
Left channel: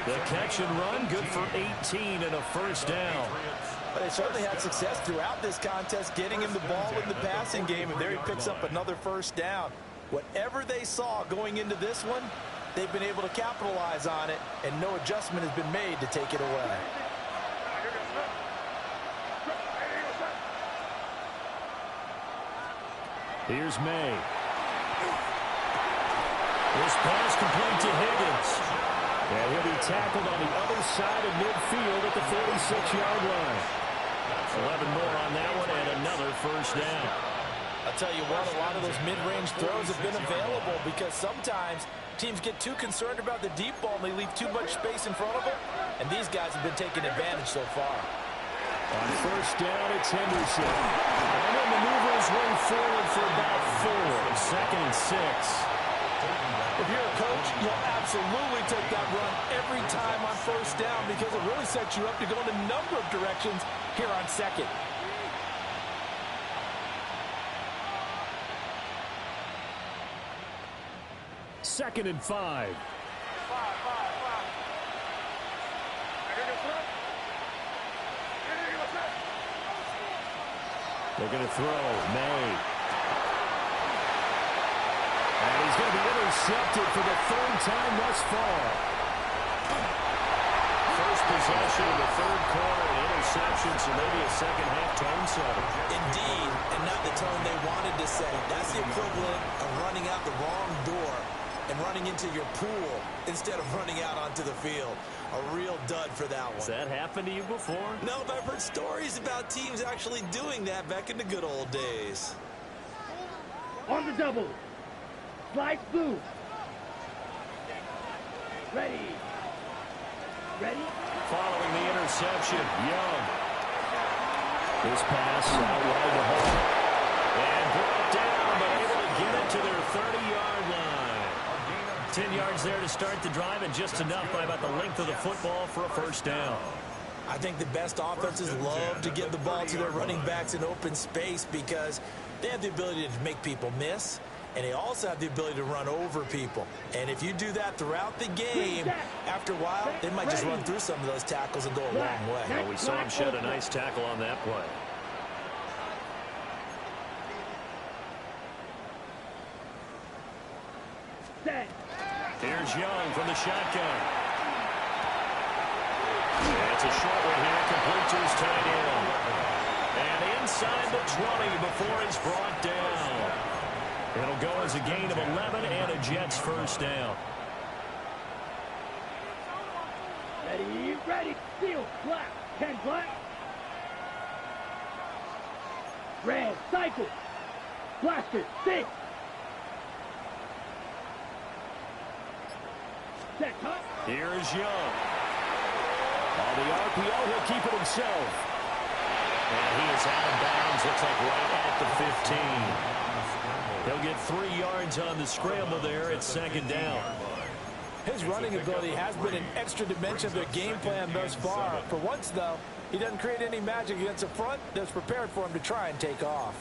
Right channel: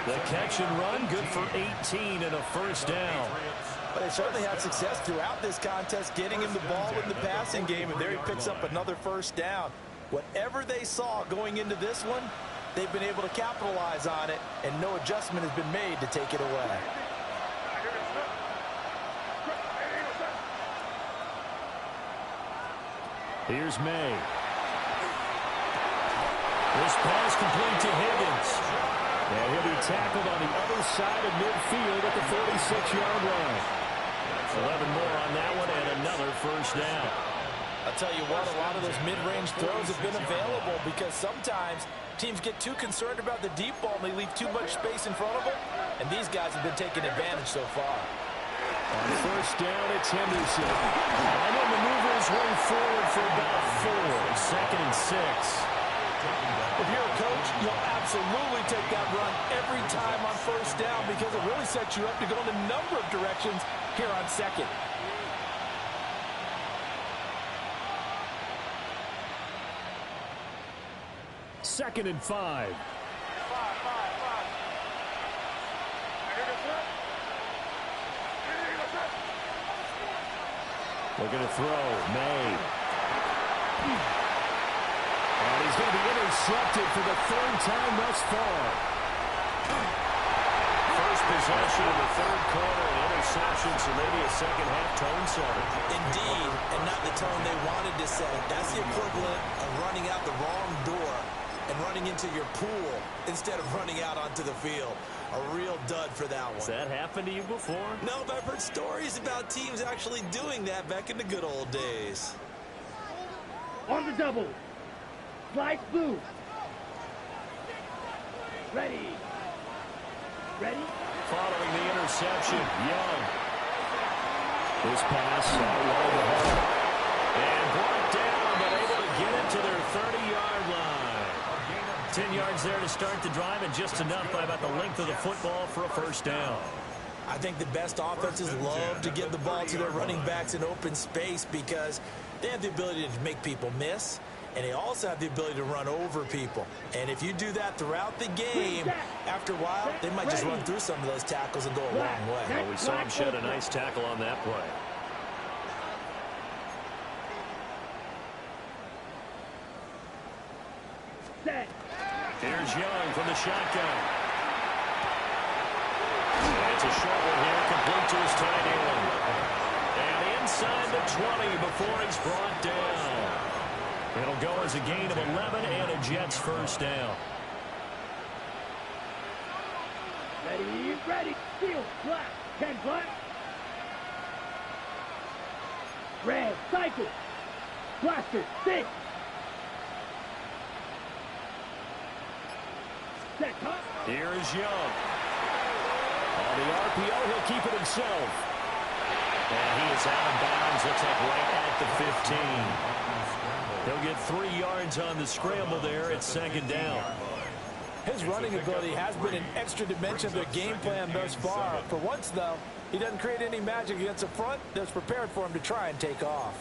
The catch and run, good for 18 and a first down. But they certainly had success throughout this contest, getting him the ball in the passing game, and there he picks up another first down. Whatever they saw going into this one, they've been able to capitalize on it, and no adjustment has been made to take it away. Here's May. This pass complete to Higgins. And he'll be tackled on the other side of midfield at the 46-yard line. 11 more on that one and another first down. I'll tell you what, a lot of those mid-range throws have been available because sometimes teams get too concerned about the deep ball and they leave too much space in front of them. And these guys have been taking advantage so far. On first down, it's Henderson. And he'll maneuver his way forward for about 4. 2nd and 6. If you're a coach, you'll absolutely take that run every time on first down because it really sets you up to go in a number of directions here on second. Second and 5. Looking to throw. May. And he's going to be intercepted for the third time thus far. First possession of the third quarter, an interception, so maybe a second-half tone setter. Indeed, and not the tone they wanted to set. That's the equivalent of running out the wrong door and running into your pool instead of running out onto the field. A real dud for that one. Has that happened to you before? No, but I've heard stories about teams actually doing that back in the good old days. On the double. Slice blue. Ready. Ready? Following the interception, Young. This pass out wide to Hall. And brought down, but able to get it to their 30-yard line. 10 yards there to start the drive, and just enough by about the length of the football for a first down. I think the best offenses love to get the ball to their running backs in open space because they have the ability to make people miss, and they also have the ability to run over people. And if you do that throughout the game, after a while, they might just run through some of those tackles and go a long way. Well, we saw him shed a nice tackle on that play. Set. Here's Young from the shotgun. It's a short one here, complete to his tight end. And inside the 20 before he's brought down. It'll go as a gain of 11 and a Jets first down. Ready, ready. Steel, black. 10 black. Red, cycle. Blaster, 6. Set top. Here's Young. On the RPO, he'll keep it himself. And he is out of bounds, looks like right at the 15. He'll get 3 yards on the scramble there at second down. His running ability has been an extra dimension of their game plan thus far. For once, though, he doesn't create any magic against the front that's prepared for him to try and take off.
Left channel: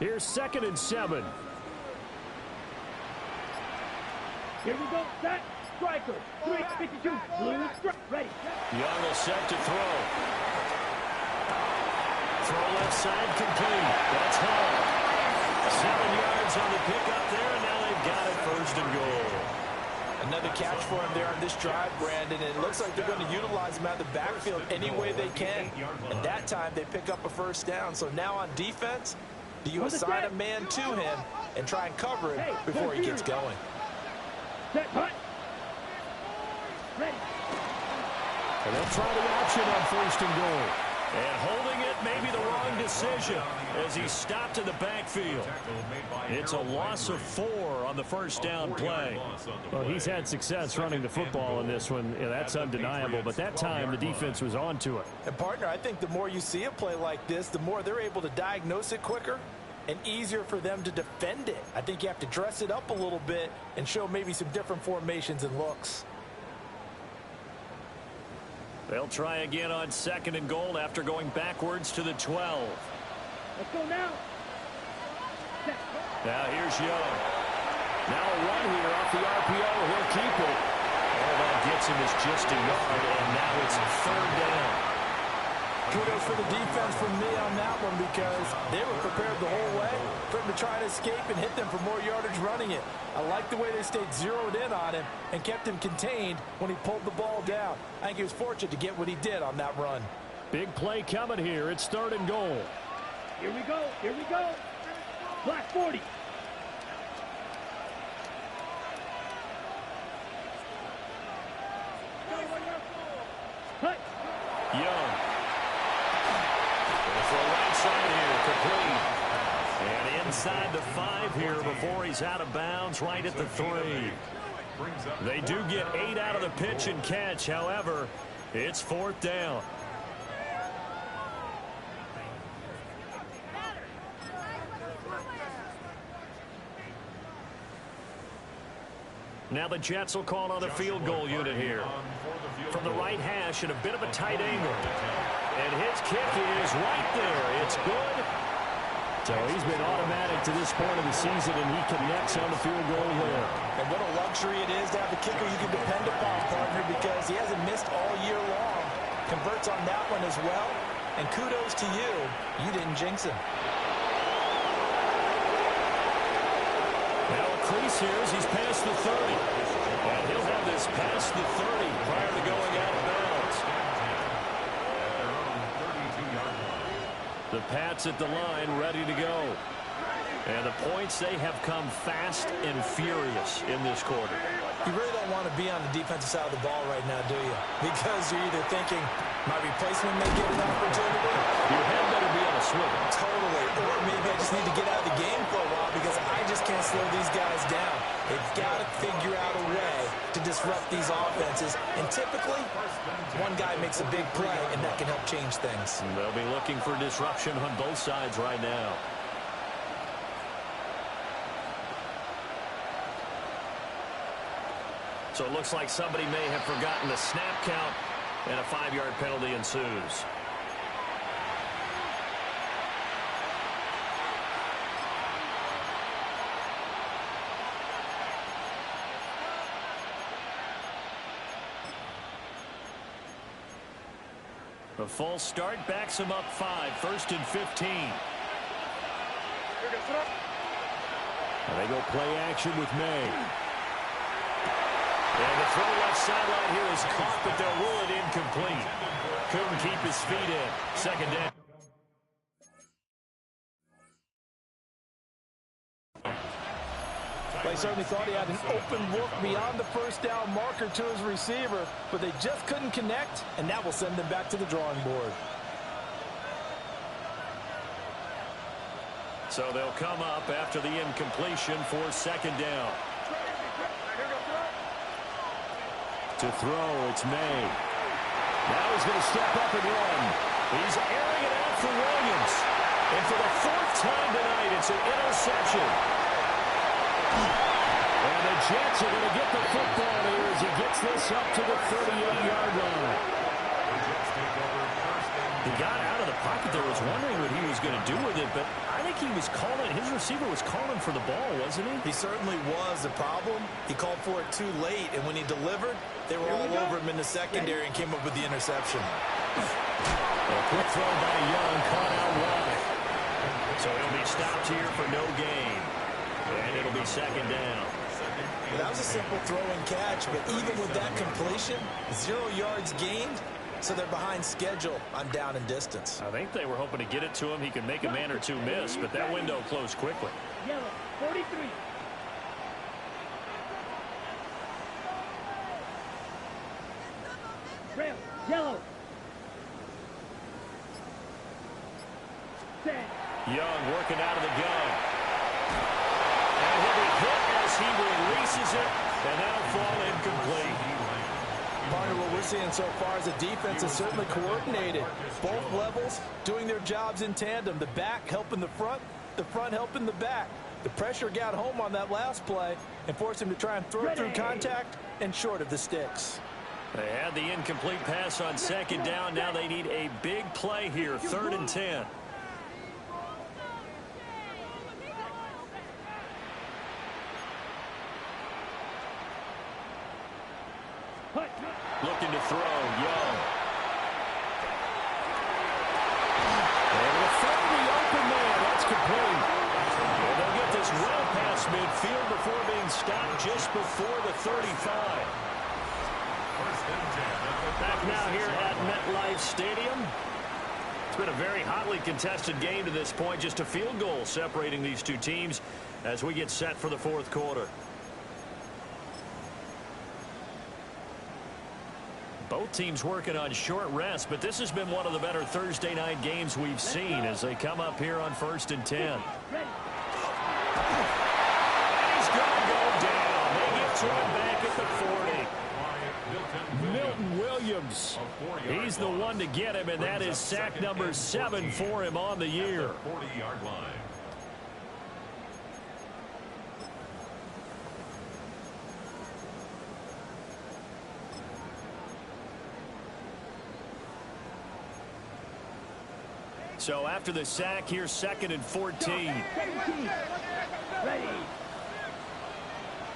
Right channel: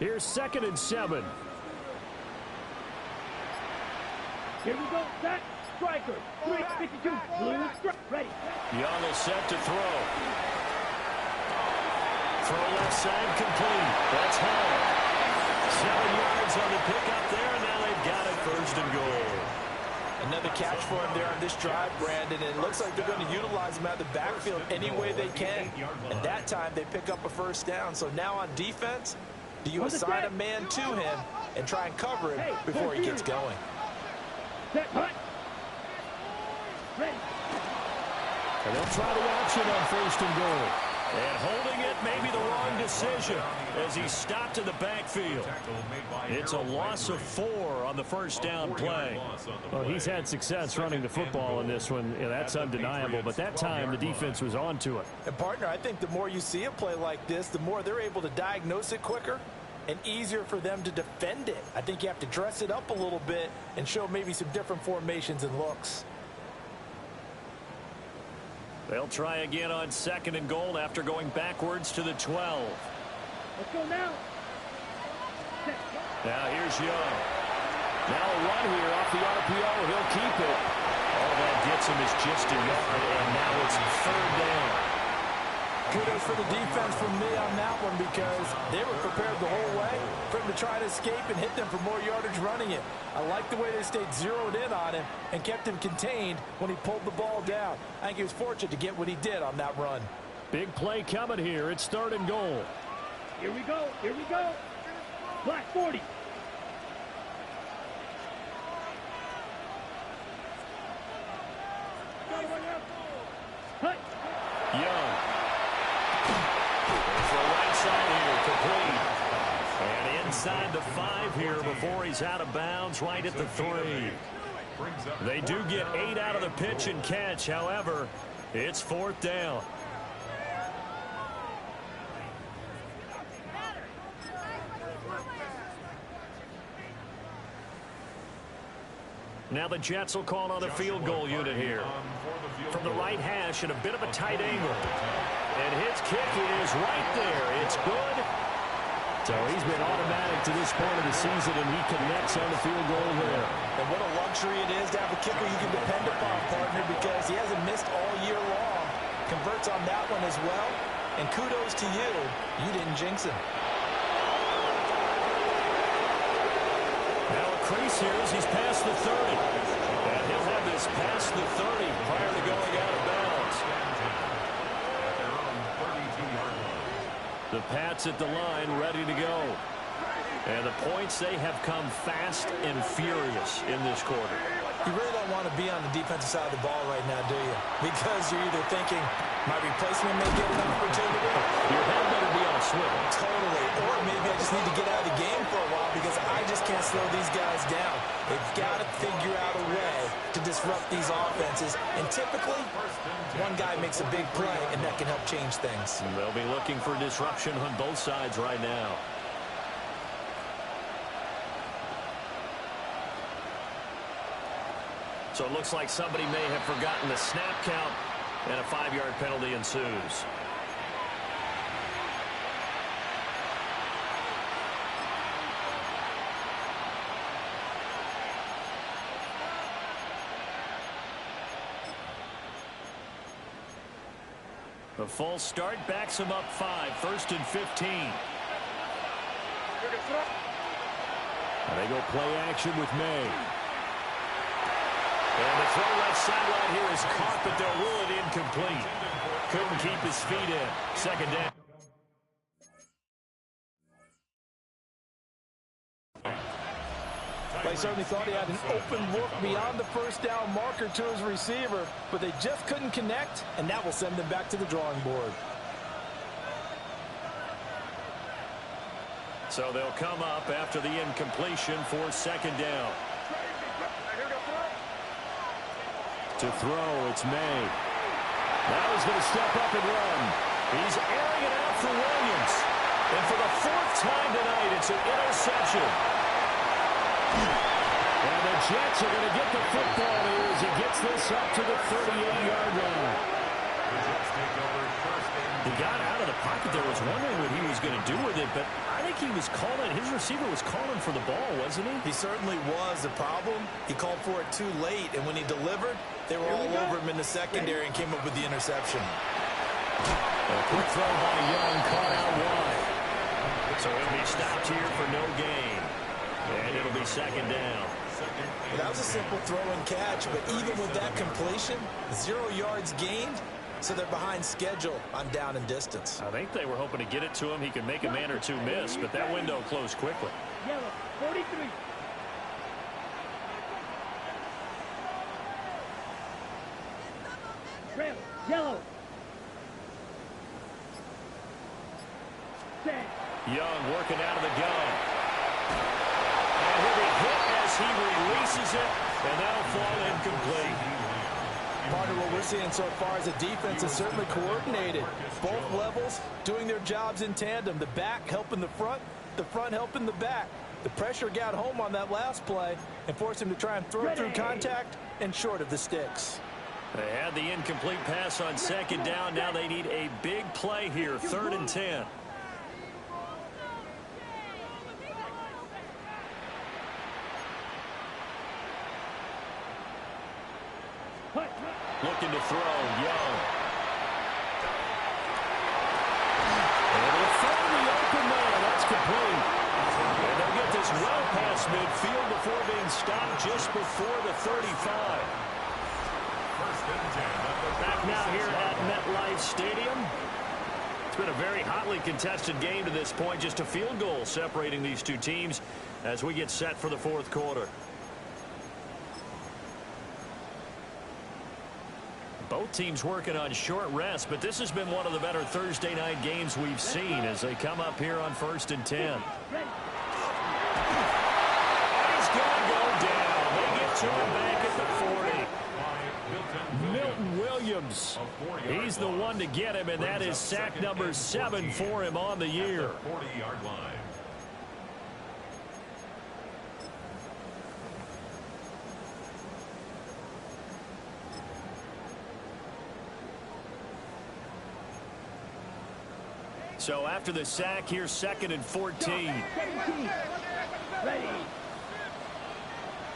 Here's 2nd and 7. Here we go. Set. Striker. 352. Blue strike. Ready. Young will set to throw. Throw left side complete. That's Hall. 7 yards on the pickup there, and now they've got it first and goal. Another catch for him there on this drive, Brandon, and it looks like they're going to utilize him out of the backfield any way they can. And that time they pick up a first down. So now on defense, do you assign a man to him and try and cover him before he gets going? Set. Hut. Ready. And they'll try the option on first and goal. And holding it may be the wrong decision as he stopped in the backfield. It's a loss of 4 on the first down play. Well, he's had success running the football in this one. Yeah, that's undeniable. But that time, the defense was on to it. And, partner, I think the more you see a play like this, the more they're able to diagnose it quicker and easier for them to defend it. I think you have to dress it up a little bit and show maybe some different formations and looks. They'll try again on 2nd and goal after going backwards to the 12. Let's go now. Set. Now here's Young. Now a run here off the RPO. He'll keep it. All that gets him is just a yard, and now it's 3rd down. Kudos for the defense from me on that one because they were prepared the whole way for him to try to escape and hit them for more yardage running it. I like the way they stayed zeroed in on him and kept him contained when he pulled the ball down. I think he was fortunate to get what he did on that run. Big play coming here. It's 3rd and goal. Here we go. Here we go. Black 40. Hut. Young. For a right side here, complete. And inside the 5 here before he's out of bounds, right at the 3. They do get 8 out of the pitch and catch. However, it's 4th down. Now the Jets will call on a field goal unit here. From the right hash at a bit of a tight angle. And his kick is right there. It's good. So he's been automatic to this point of the season, and he connects on the field goal there. And what a luxury it is to have a kicker you can depend upon, partner, because he hasn't missed all year long. Converts on that one as well. And kudos to you. You didn't jinx him. Now a crease here as he's past the 30. And he'll have this past the 30 prior to going out of bounds. At their own 32-yard line. The Pats at the line, ready to go. And the points, they have come fast and furious in this quarter. You really don't want to be on the defensive side of the ball right now, do you? Because you're either thinking, my replacement may get an opportunity. Your head better be on a swivel. Totally. Or maybe I just need to get out of the game for a while because I just can't slow these guys down. They've got to figure out a way to disrupt these offenses. And typically, one guy makes a big play, and that can help change things. They'll be looking for disruption on both sides right now. So it looks like somebody may have forgotten the snap count, and a 5-yard penalty ensues. The false start backs him up 5, 1st and 15. And they go play action with May. And the throw left sideline here is caught, but they'll rule it incomplete. Couldn't keep his feet in. 2nd down. They certainly thought he had an open look beyond the first down marker to his receiver, but they just couldn't connect, and that will send them back to the drawing board. So they'll come up after the incompletion for 2nd down. To throw, it's May. Now he's going to step up and run. He's airing it out for Williams. And for the 4th time tonight, it's an interception. And the Jets are going to get the football here as he gets this up to the 38-yard line. He got out of the pocket there, was wondering what he was going to do with it, but I think he was calling, his receiver was calling for the ball, wasn't he? He certainly was. The problem, he called for it too late, and when he delivered, they were all over him in the secondary and came up with the interception. A quick throw by Young, caught out wide. So he'll be stopped here for no gain. And it'll be 2nd down. Well, that was a simple throw and catch, but even with that completion, 0 yards gained, so they're behind schedule on down and distance. I think they were hoping to get it to him. He could make a man or two miss, but that window closed quickly. Yellow, 43. Red, yellow. 10. Young working out of the gun. And he'll be hit as he releases it, and that'll fall incomplete. Partner, what we're seeing so far is the defense is certainly coordinated. Both levels doing their jobs in tandem. The back helping the front helping the back. The pressure got home on that last play and forced him to try and throw through contact and short of the sticks. They had the incomplete pass on 2nd down. Now they need a big play here, 3rd and 10. Looking to throw, Young. And it'll throw the open man. That's complete. And they'll get this well past midfield before being stopped just before the 35. Back now here at MetLife Stadium. It's been a very hotly contested game to this point. Just a field goal separating these two teams as we get set for the 4th quarter. Both teams working on short rest, but this has been one of the better Thursday night games we've seen as they come up here on 1st and 10. And he's going to go down. They get to him back at the 40. Milton Williams. He's the one to get him, and that is sack number 7 for him on the year. 40-yard line. So after the sack, here's 2nd and 14. 17. Ready.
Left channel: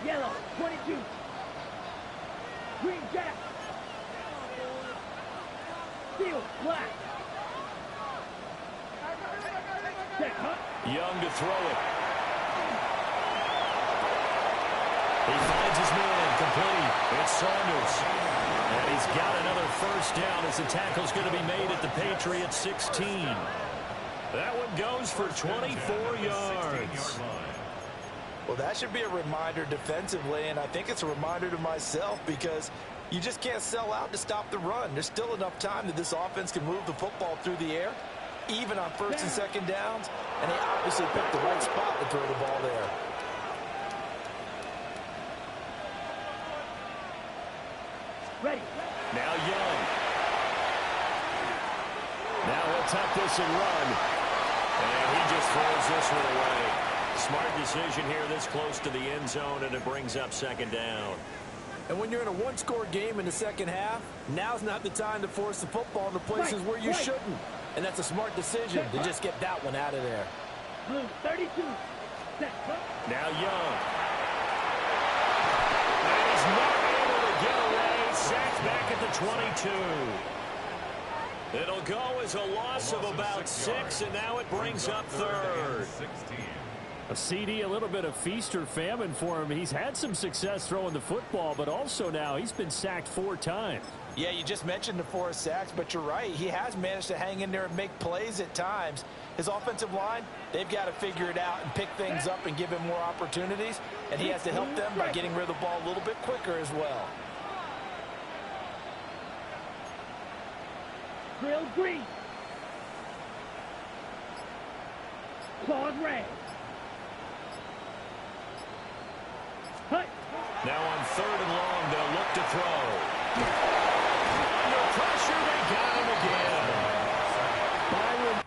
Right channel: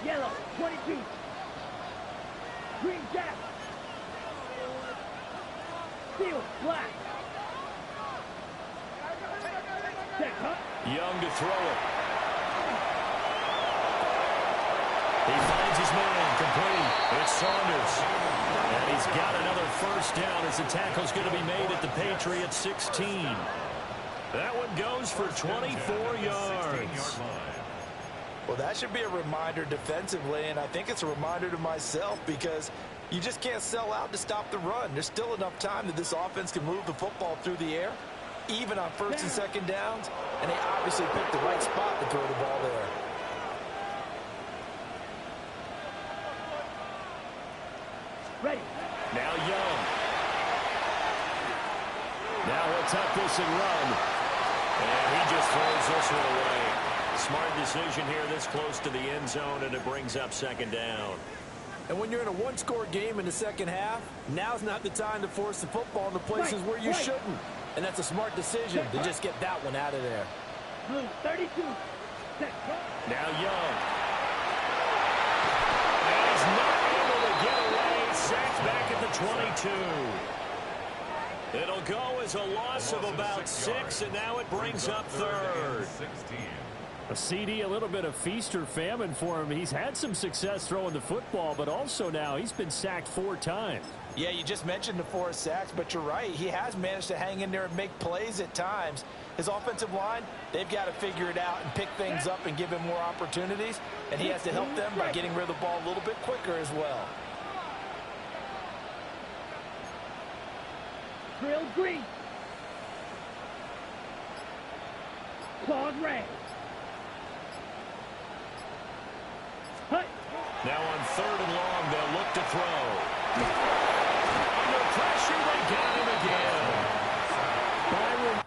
Yellow, 22. Green jack. Field, black. Check, Hunt. Young to throw it. He finds his man, complete. It's Saunders. And he's got another first down as the tackle's going to be made at the Patriots 16. That one goes for 24 yards. Well, that should be a reminder defensively, and I think it's a reminder to myself because you just can't sell out to stop the run. There's still enough time that this offense can move the football through the air, even on 1st and 2nd downs, and they obviously picked the right spot to throw the ball there. Ready. Now Young. Now he'll tuck this and run. And he just throws this one away. Smart decision here this close to the end zone, and it brings up 2nd down. And when you're in a one-score game in the second half, now's not the time to force the football into places where you shouldn't. And that's a smart decision to just get that one out of there. Blue, 32. Now Young. And he's not able to get away. Sacked back at the 22. It'll go as a loss of about 6, and now it brings up 3rd. A CD, a little bit of feast or famine for him. He's had some success throwing the football, but also now he's been sacked 4 times. Yeah, you just mentioned the 4 sacks, but you're right. He has managed to hang in there and make plays at times. His offensive line, they've got to figure it out and pick things up and give him more opportunities, and he has to help them by getting rid of the ball a little bit quicker as well. Grilled green. Claws red. Hut. Now on 3rd and long, they'll look to throw. Under pressure, they got him again. Byron.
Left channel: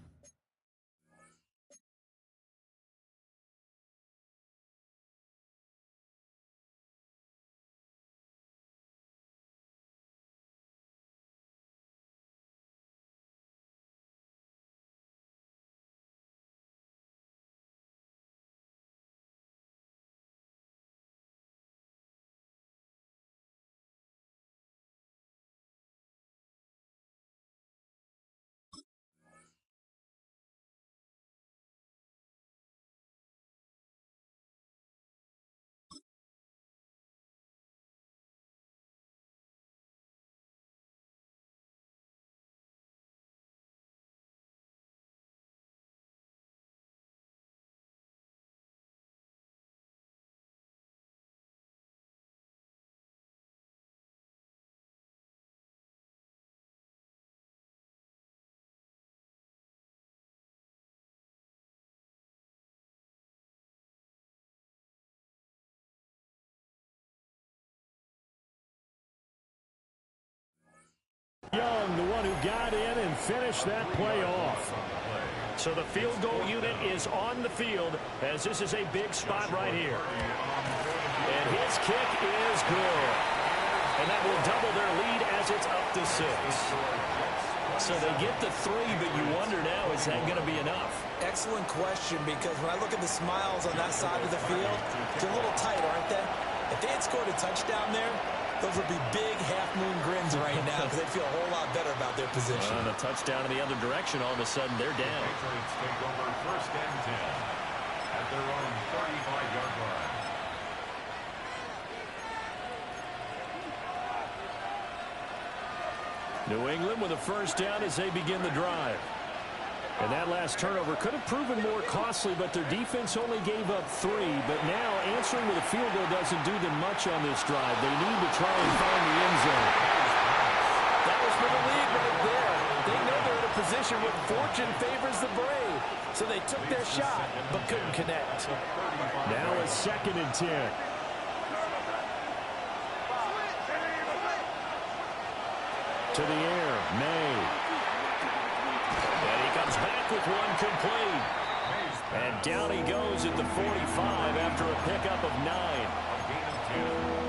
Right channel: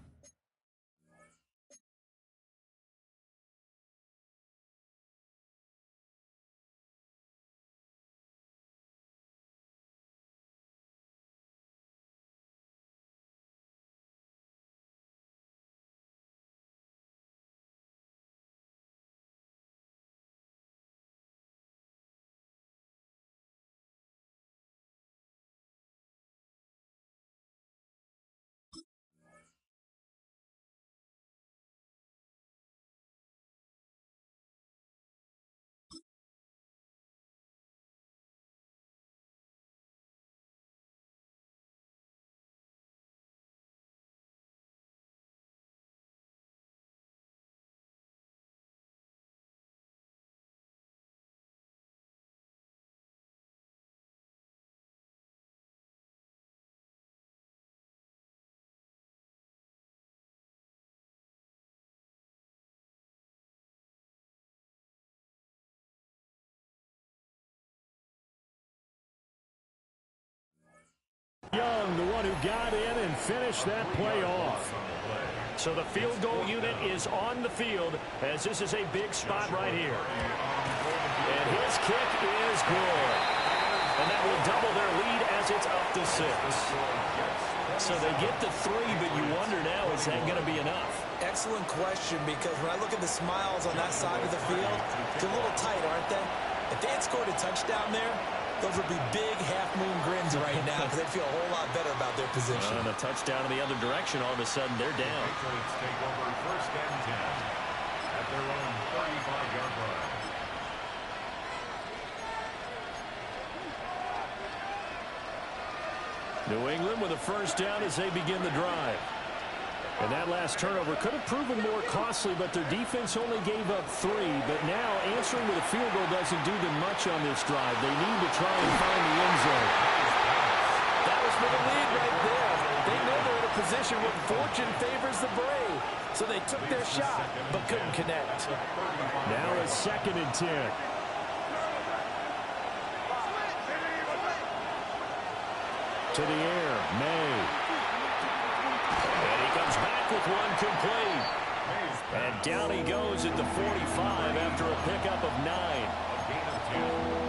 Young, the one who got in and finished that play off. So the field goal unit is on the field as this is a big spot right here. And his kick is good. And that will double their lead as it's up to 6. So they get the 3, but you wonder now, is that going to be enough? Excellent question, because when I look at the smiles on that side of the field, they're a little tight, aren't they? If they had scored a touchdown there, those would be big half-moon grins right now because they'd feel a whole lot better about their position. And a touchdown in the other direction, all of a sudden they're down. Patriots take over 1st and 10 at their own 35-yard line. New England with a first down as they begin the drive. And that last turnover could have proven more costly, but their defense only gave up 3. But now answering with a field goal doesn't do them much on this drive. They need to try and find the end zone. That was for the lead right there. They know they're in a position where fortune favors the brave. So they took their shot, but couldn't connect. Now a 2nd and 10. To the air, May. And he comes back with one complete. And down he goes at the 45 after a pickup of 9. A gain of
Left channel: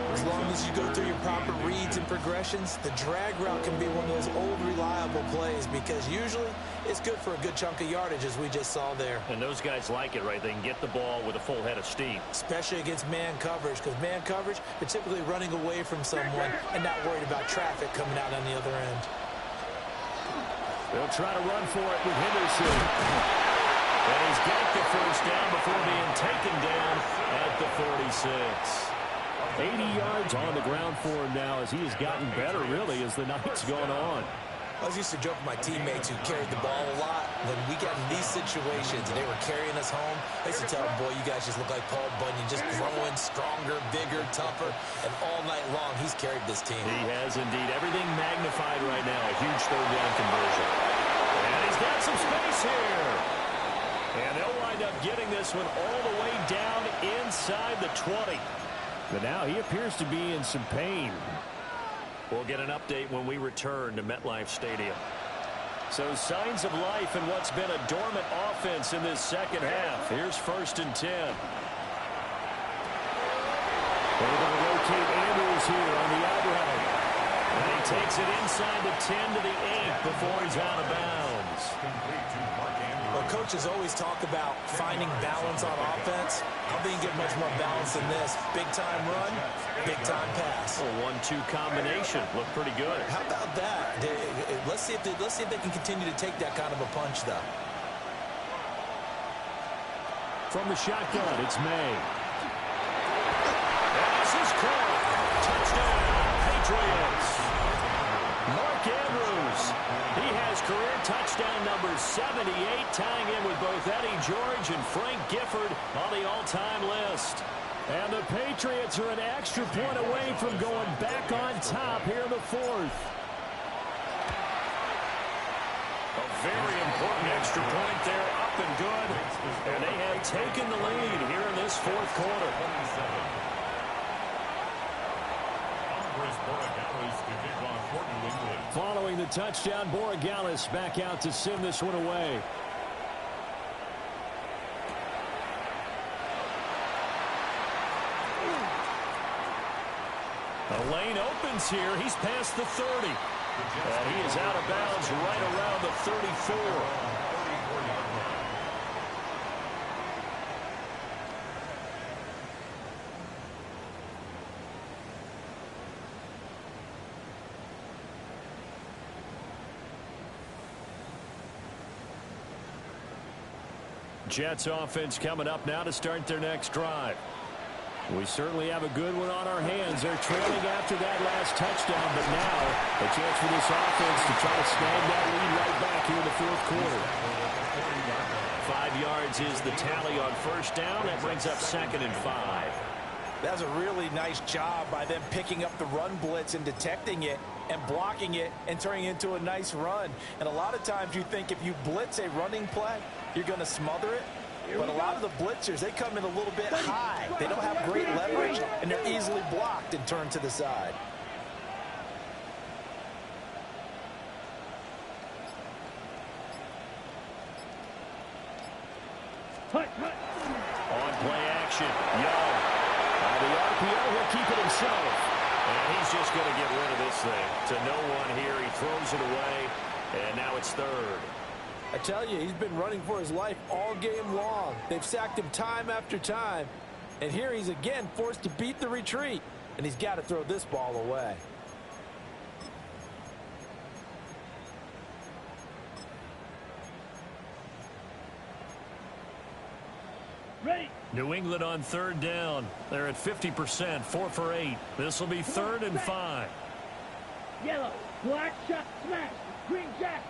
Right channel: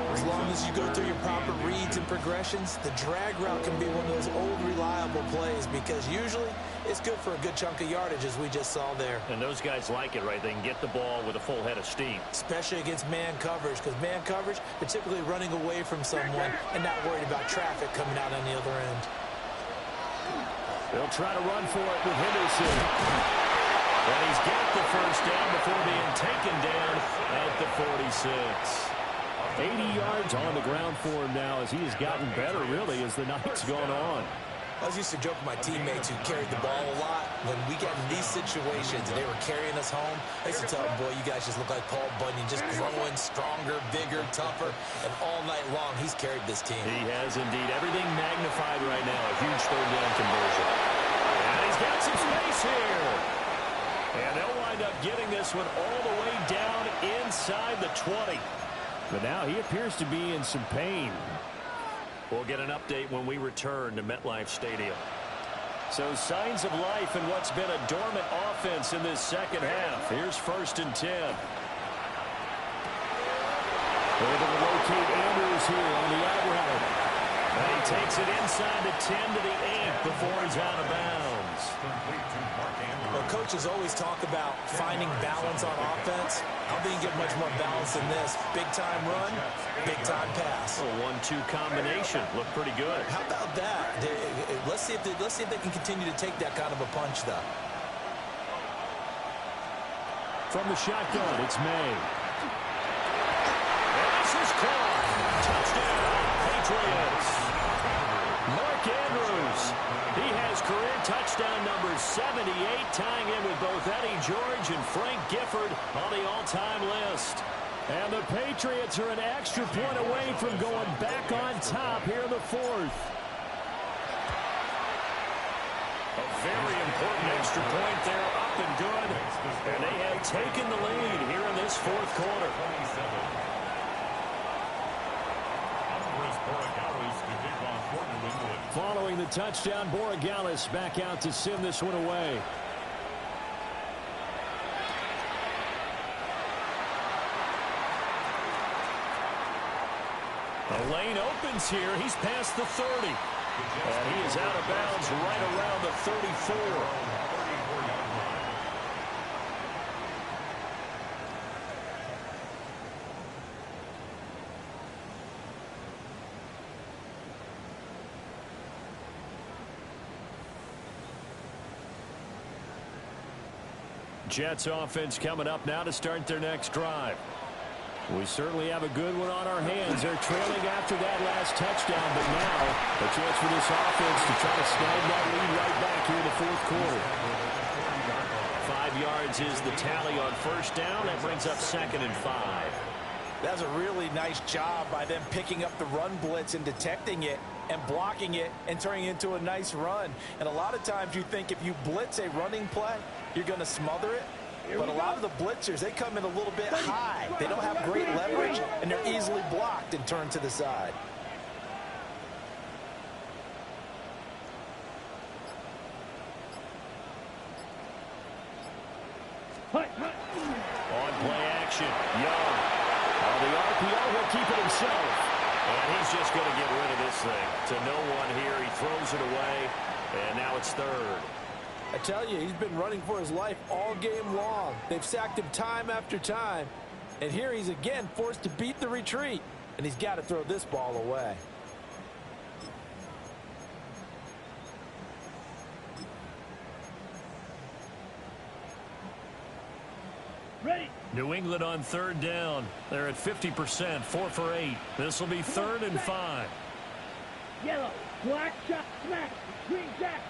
10. As long as you go through your proper reads and progressions, the drag route can be one of those old reliable plays because usually it's good for a good chunk of yardage, as we just saw there. And those guys like it, right? They can get the ball with a full head of steam. Especially against man coverage, because man coverage, they're typically running away from someone and not worried about traffic coming out on the other end. They'll try to run for it with Henderson. And he's got the first down before being taken down at the 46. 80 yards on the ground for him now as he has gotten better, really, as the night's gone on. I was used to joke with my teammates who carried the ball a lot. When we got in these situations and they were carrying us home, I used to tell them, boy, you guys just look like Paul Bunyan, just growing stronger, bigger, tougher, and all night long he's carried this team. He has indeed. Everything magnified right now. A huge third down conversion. And he's got some space here. And they'll wind up getting this one all the way down inside the 20. But now he appears to be in some pain. We'll get an update when we return to MetLife Stadium. So signs of life in what's been a dormant offense in this second half. Here's 1st and 10. They're able to locate Andrews here on the out route. And he takes it inside the 10 to the 8 before he's out of bounds. Well, coaches always talk about finding balance on offense. I don't think you get much more balance than this. Big-time run, big-time pass. A 1-2 combination. Looked pretty good. How about that? Let's see if they can continue to take that kind of a punch, though. From the shotgun, it's May. And this is caught. Touchdown, Patriots. Mark Andrews. He has career touchdown number 78, tying in with both Eddie George and Frank Gifford on the all-time list. And the Patriots are an extra point away from going back on top here in the 4th. A very important extra point there, up and good. And they have taken the lead here in this 4th quarter. Following the touchdown, Borregales back out to send this one away. The lane opens here. He's past the 30. And he is out of bounds right around the 34. Jets offense coming up now to start their next drive. We certainly have a good one on our hands. They're trailing after that last touchdown, but now a chance for this offense to try to snag that lead right back here in the 4th quarter. 5 yards is the tally on 1st down. That brings up 2nd and 5. That's a really nice job by them picking up the run blitz and detecting it and blocking it and turning it into a nice run. And a lot of times you think if you blitz a running play, you're going to smother it. But a lot of the blitzers, they come in a little bit high. They don't have great leverage, and they're easily blocked and turned to the side. On play action, Young. On the RPO, he'll keep it himself. And he's just going to get rid of this thing. To no one here, he throws it away, and now it's 3rd. I tell you, he's been running for his life all game long. They've sacked him time after time. And here he's again forced to beat the retreat. And he's got to throw this ball away. Ready. New England on 3rd down. They're at 50%, 4 for 8. This will be 3rd and 5. Yellow. Black shot. Smash. Green jack.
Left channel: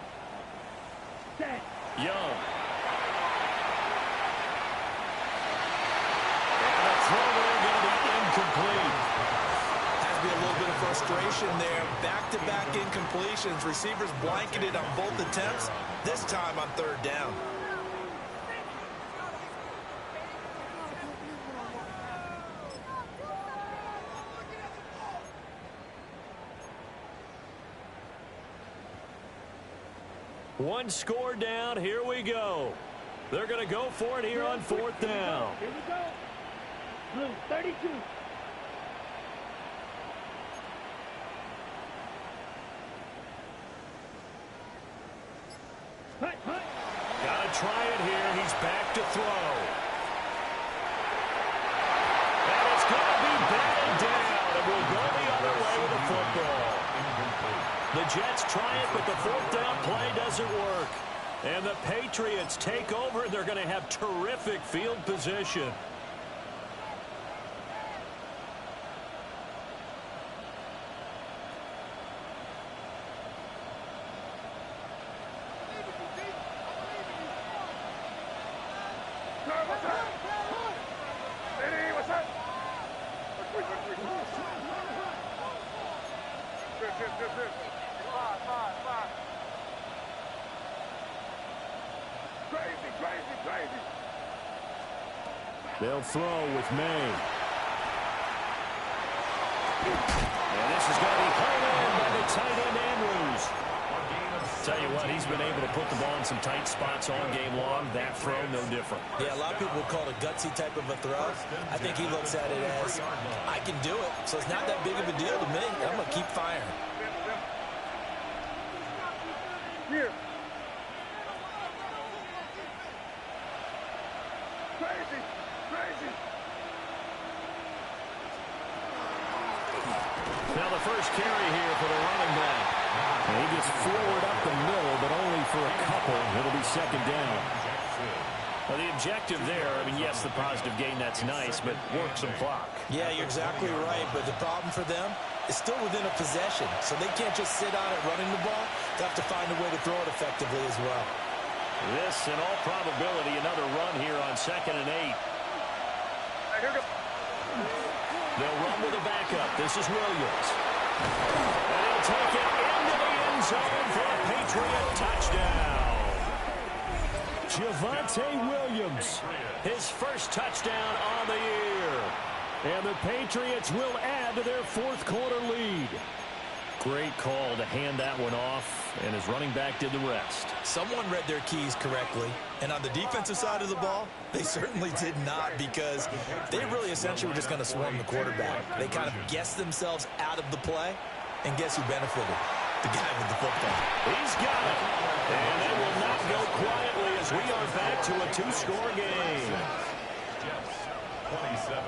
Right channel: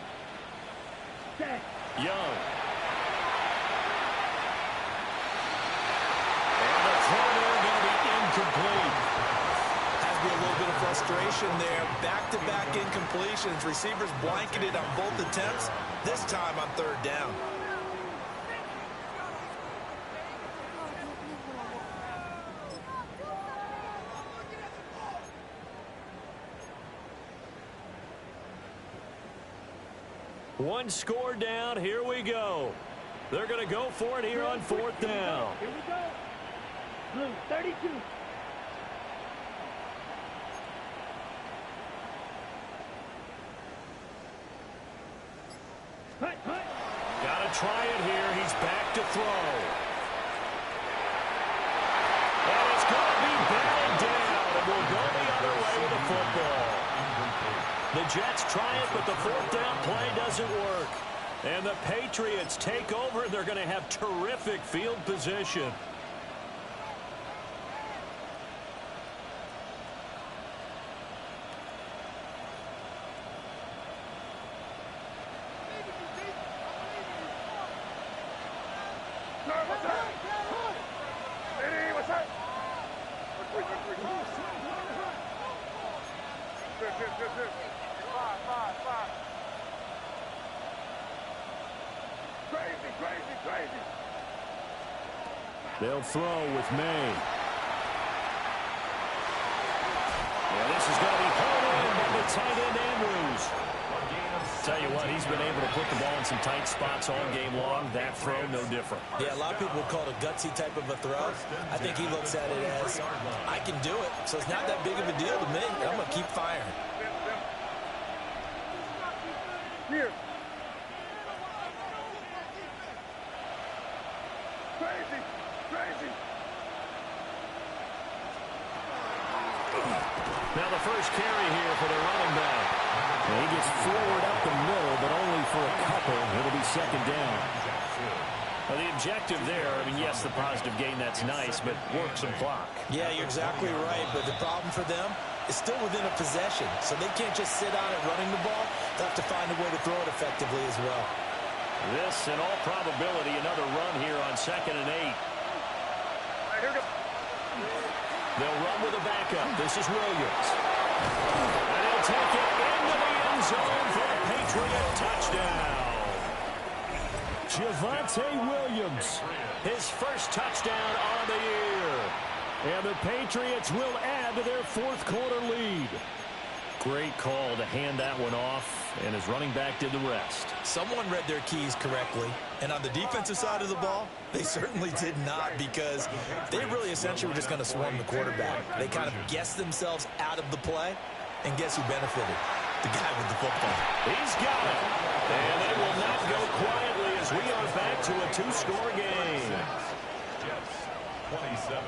Set. Young. And a throw there going to be incomplete. Has to be a little bit of frustration there. Back-to-back incompletions. Receivers blanketed on both attempts. This time on 3rd down. One score down. Here we go. They're going to go for it here on 4th down. Here we go. Blue, 32. try it here. He's back to throw. And it's going to be batted down, and we'll go the other way with the football. The Jets try it, but the fourth down play doesn't work. And the Patriots take over, and they're going to have terrific field position. They'll throw with May. And this is going to be pulled in by the tight end, Andrews. Tell you what, he's been able to put the ball in some tight spots all game long. That throw, no different. Yeah, a lot of people would call it a gutsy type of a throw. I think he looks at it as, I can do it, so it's not that big of a deal to me. I'm going to keep firing. Here. Crazy. Crazy. Now the first carry here for the running back. And he gets forward up the middle, but only for a couple. It'll be second down. Well, the objective there, I mean, yes, the positive gain, that's nice, but work some clock. Yeah, you're exactly right, but the problem for them is still within a possession, so they can't just sit on it running the ball. They'll have to find a way to throw it effectively as well. This, in all probability, another run here on 2nd and 8. They'll run with a backup. This is Williams. And he'll take it into the end zone for a Patriot touchdown. Javonte Williams, his first touchdown on the year. And the Patriots will add to their fourth quarter lead. Great call to hand that one off, and his running back did the rest. Someone read their keys correctly, and on the defensive side of the ball, they certainly did not, because they really essentially were just going to swarm the quarterback. They kind of guessed themselves out of the play, and guess who benefited? The guy with the football. He's got it. And they will not go quietly as we are back to a two-score game. Jets, 27.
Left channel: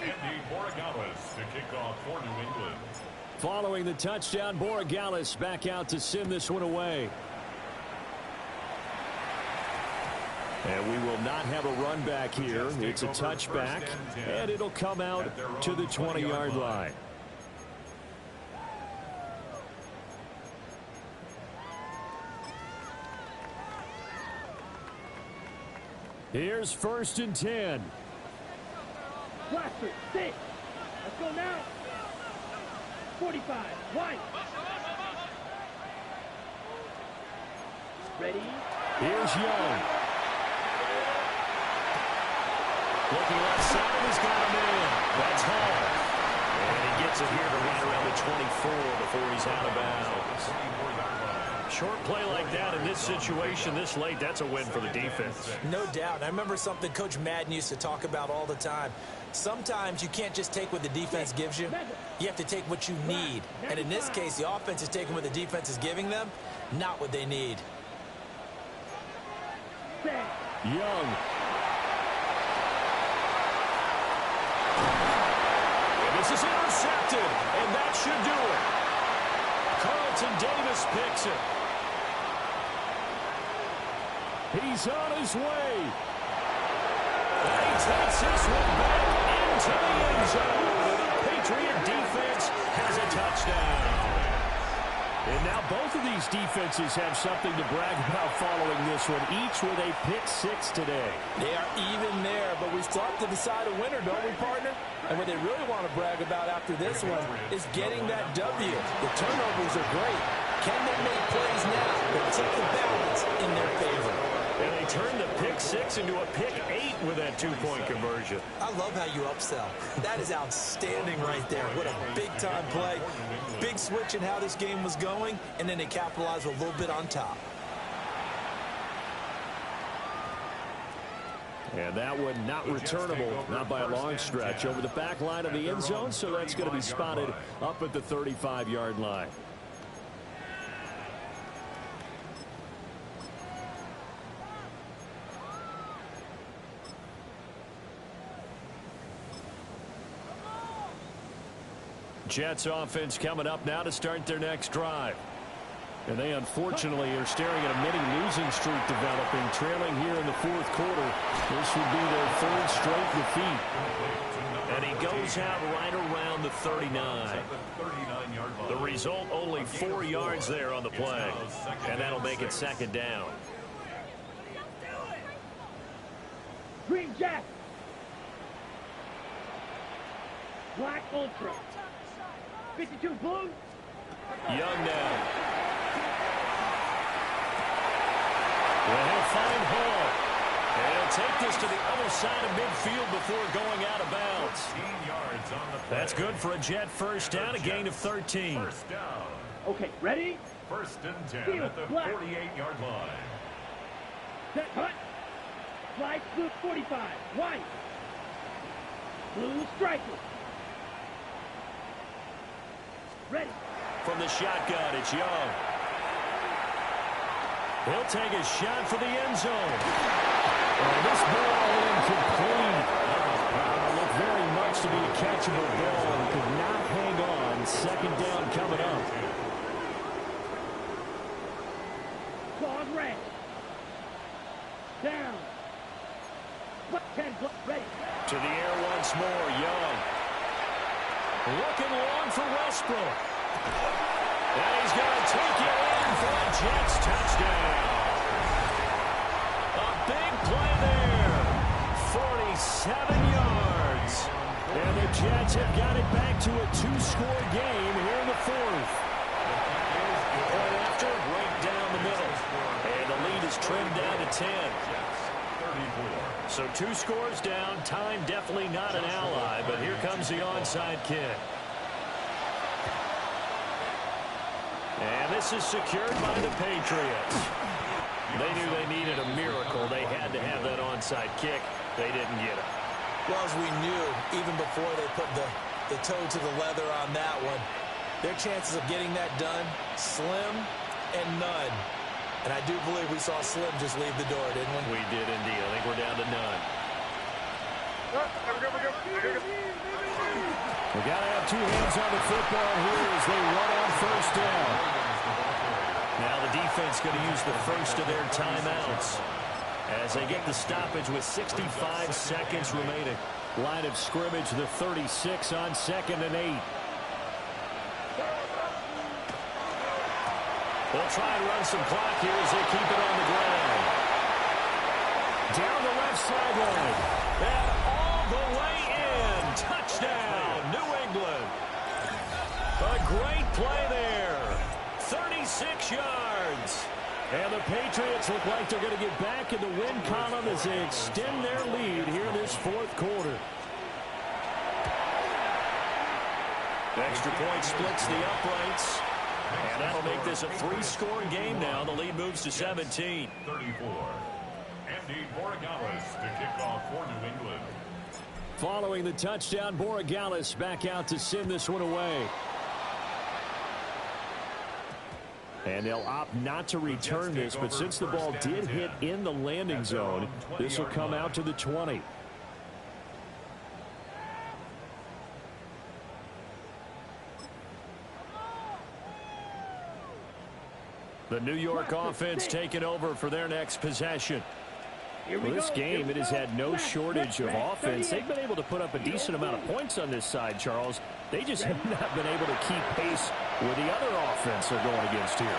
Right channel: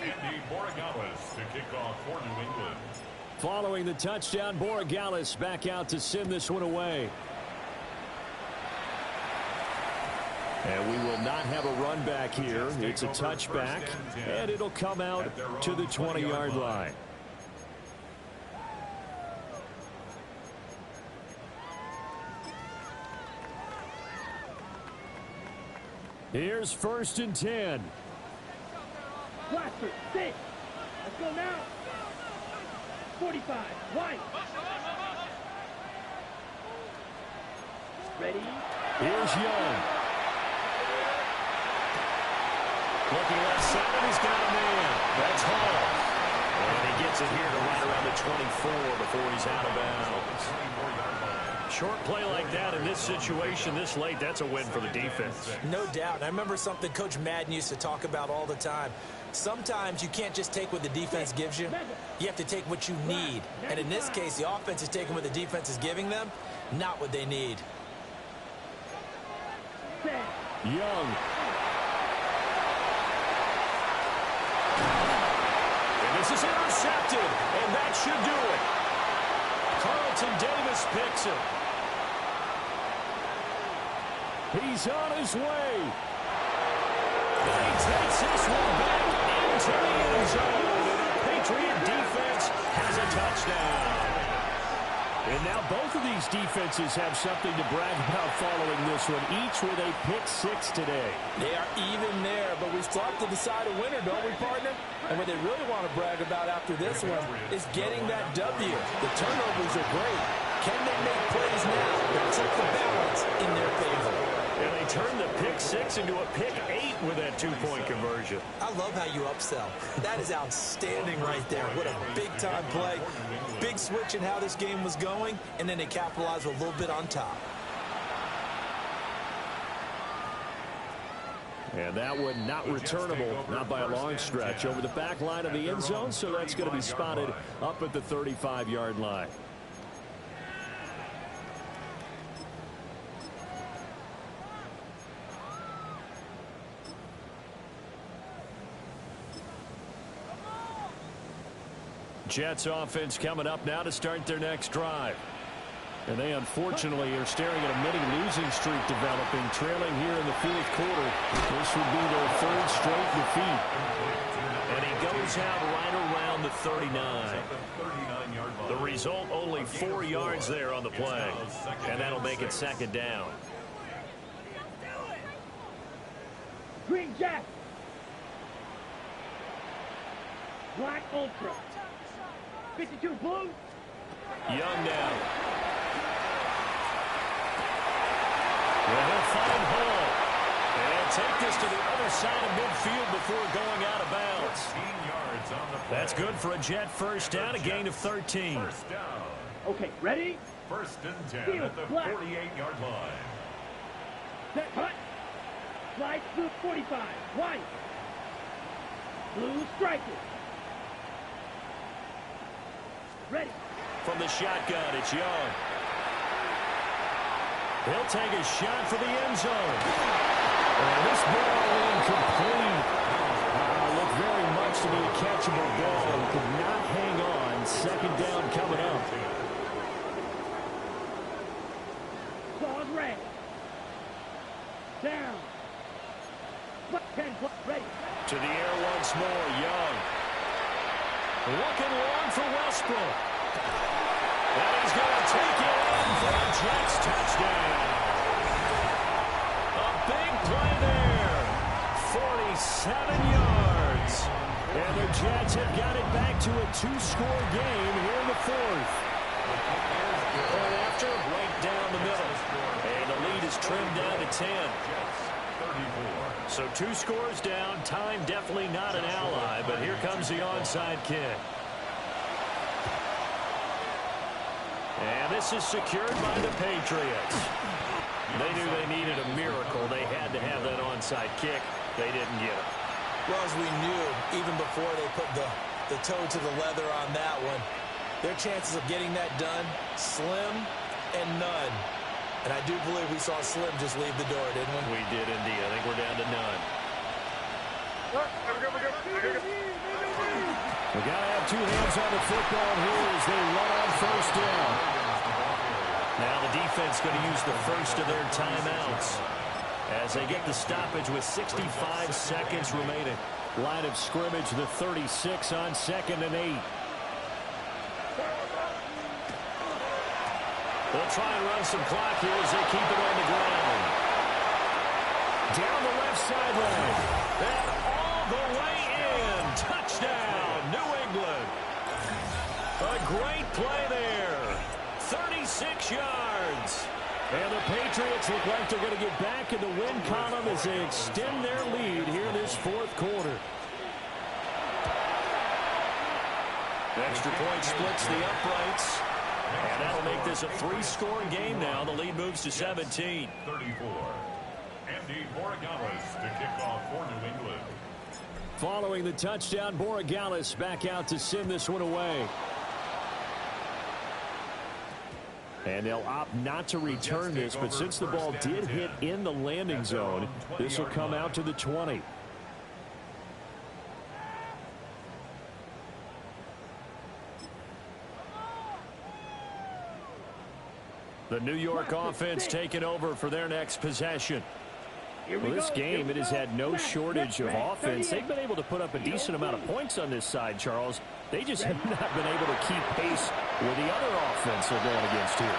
Andy Borregales to kick off for New England. Following the touchdown, Borregales back out to send this one away. And we will not have a run back here. It's a touchback, and it'll come out to the 20-yard line. Here's 1st and 10. Blaster, 6. Let's go now. 45. White. Ready? Here's Young. Looking left side, and he's got a man. That's Hall. And he gets it here to right around the 24 before he's out of bounds. Short play like that in this situation this late, that's a win for the defense. No doubt. I remember something Coach Madden used to talk about all the time. Sometimes you can't just take what the defense gives you. You have to take what you need. And in this case, the offense is taking what the defense is giving them, not what they need. Young. And this is intercepted, and that should do it. Carlton Davis picks it. He's on his way. And he takes this one back into the end zone. And the Patriot defense has a touchdown. And now both of these defenses have something to brag about following this one, each with a pick 6 today. They are even there, but we still have to decide a winner, don't we, partner? And what they really want to brag about after this one is getting that W. The turnovers are great. Can they make plays now that tip the balance in their favor? And they turned the pick 6 into a pick 8 with that 2-point conversion. I love how you upsell. That is outstanding right there. What a big-time play. Big switch in how this game was going, and then they capitalized with a little bit on top. And that one not returnable, not by a long stretch, over the back line of the end zone, so that's going to be spotted up at the 35-yard line. Jets offense coming up now to start their next drive. And they unfortunately are staring at a mini losing streak developing, trailing here in the fourth quarter. This would be their third straight defeat. And he goes out right around the 39. The result, only 4 yards there on the play. And that'll make it second down. Green Jack. Black Ultra. 52 blue. Young now. Well, he'll find Hall. And he'll take this to the other side of midfield before going out of bounds. That's good for a Jet first down, a gain of 13. First down. Okay, ready? First and 10 Field, at the black. 48-yard line. Set, hut. Flight blue 45. White. Blue striker. Ready. From the shotgun, it's Young. He'll take a shot for the end zone. And this ball incomplete. Looked very much to be a catchable ball. Could not hang on. Second down coming up. Claws red. Down. 10, ready. To the air once more, Young. Looking long for Westbrook. And he's going to take it in for a Jets touchdown. A big play there. 47 yards. And the Jets have got it back to a 2-score game here in the fourth. Point after, right down the middle. And the lead is trimmed down to 10. So 2 scores down. Time definitely not an ally, but here comes the onside kick. And this is secured by the Patriots. They knew they needed a miracle. They had to have that onside kick. They didn't get it. Well, as we knew, even before they put the toe to the leather on that one, their chances of getting that done, slim and none. And I do believe we saw Slim just leave the door, didn't we? We did indeed. I think we're down to none. We got to have 2 hands on the football here as they run on first down. Now the defense going to use the first of their timeouts as they get the stoppage with 65 seconds remaining. Line of scrimmage, the 36 on 2nd and 8. They'll try and run some clock here as they keep it on the ground. Down the left sideline. And all the way in. Touchdown, New England. A great play there. 36 yards. And the Patriots look like they're going to get back in the win column as they extend their lead here in this fourth quarter. Extra point splits the uprights. And that'll make this a 3-score game now. The lead moves to 17. 34. Andy Borregales to kick off for New England. Following the touchdown, Borregales back out to send this one away. And they'll opt not to return this, but since the ball did hit in the landing zone, this will come out to the 20. The New York offense taking over for their next possession. Well, this game, it has had no shortage of offense. They've been able to put up a decent amount of points on this side, Charles. They just have not been able to keep pace with the other offense they're going against here.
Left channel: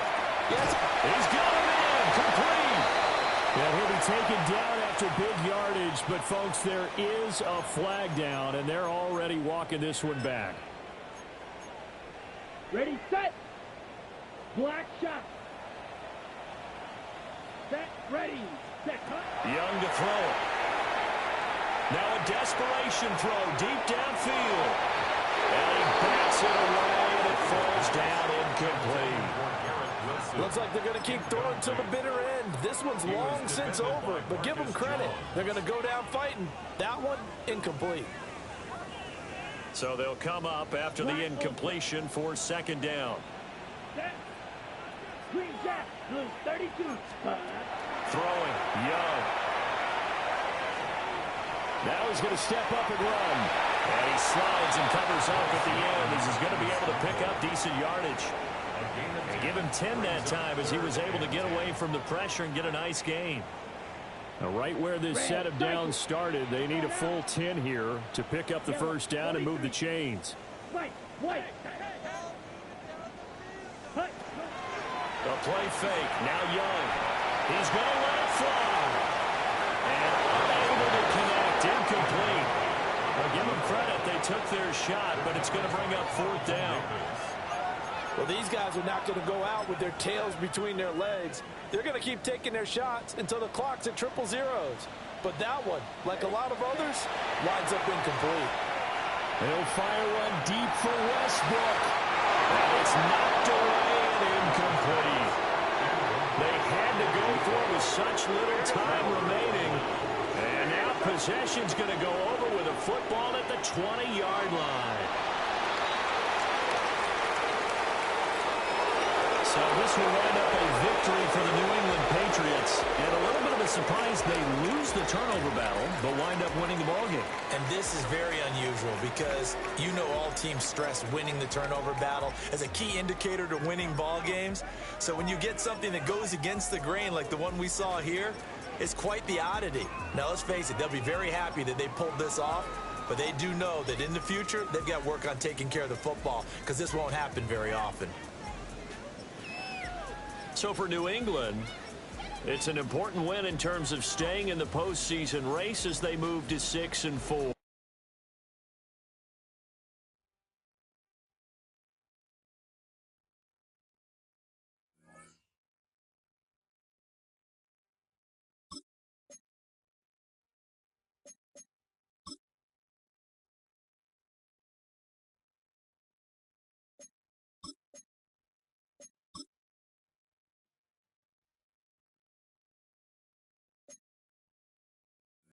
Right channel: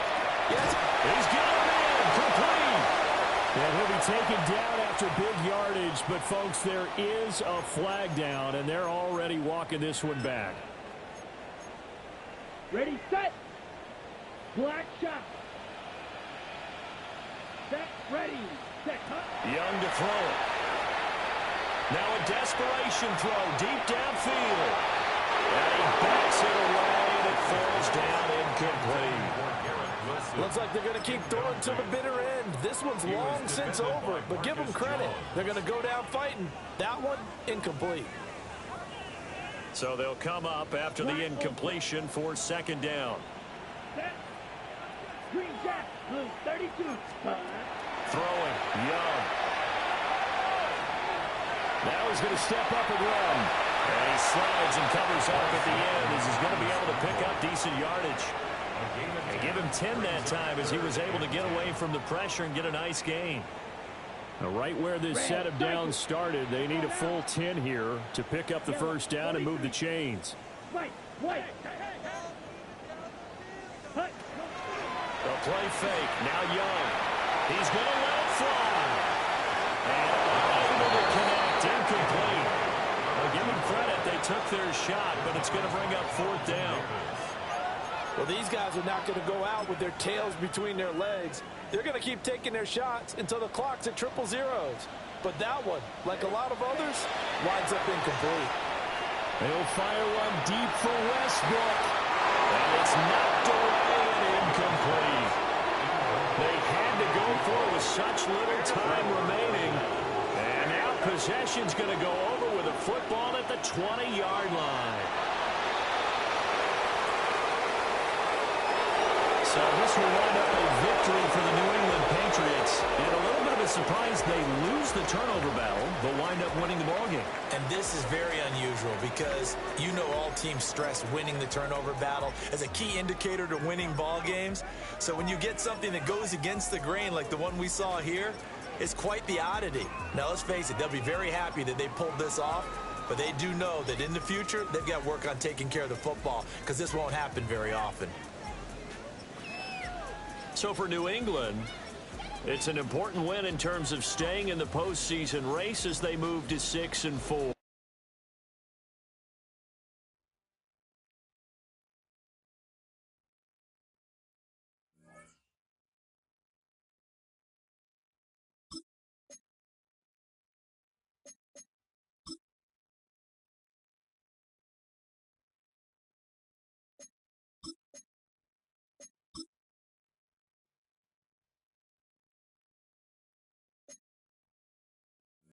Yes. He's got him in, complete. And he'll be taken down after big yardage, but folks, there is a flag down, and they're already walking this one back. Ready, set. Black shot. Set, ready. Set, cut. Young to throw it. Now a desperation throw deep downfield. And he bats it away, and it falls down incomplete. Looks like they're going to keep throwing to the bitter end. This one's long since over, but give them credit. They're going to go down fighting. That one, incomplete. So they'll come up after the incompletion for second down. Set. Green Jack, blue 32. Throwing, Young. Now he's going to step up and run. And he slides and covers up at the end as he's going to be able to pick up decent yardage. And give him 10 that time as he was able to get away from the pressure and get a nice gain. Now, right where this set of downs started, they need a full 10 here to pick up the first down and move the chains. The play fake. Now Young. He's going to let it fly. And unable to connect. Incomplete. I'll give them credit. They took their shot, but it's going to bring up fourth down. Well, these guys are not going to go out with their tails between their legs. They're going to keep taking their shots until the clock's at triple zeros. But that one, like a lot of others, winds up incomplete. They'll fire one deep for Westbrook. And it's knocked away and incomplete. They had to go for it with such little time remaining. And now possession's going to go over with a football at the 20-yard line. So this will wind up a victory for the New England Patriots. And a little bit of a surprise, they lose the turnover battle, but wind up winning the ballgame. And this is very unusual because you know all teams stress winning the turnover battle as a key indicator to winning ball games. So when you get something that goes against the grain like the one we saw here, it's quite the oddity. Now, let's face it, they'll be very happy that they pulled this off, but they do know that in the future, they've got to work on taking care of the football because this won't happen very often. So for New England, it's an important win in terms of staying in the postseason race as they move to 6-4.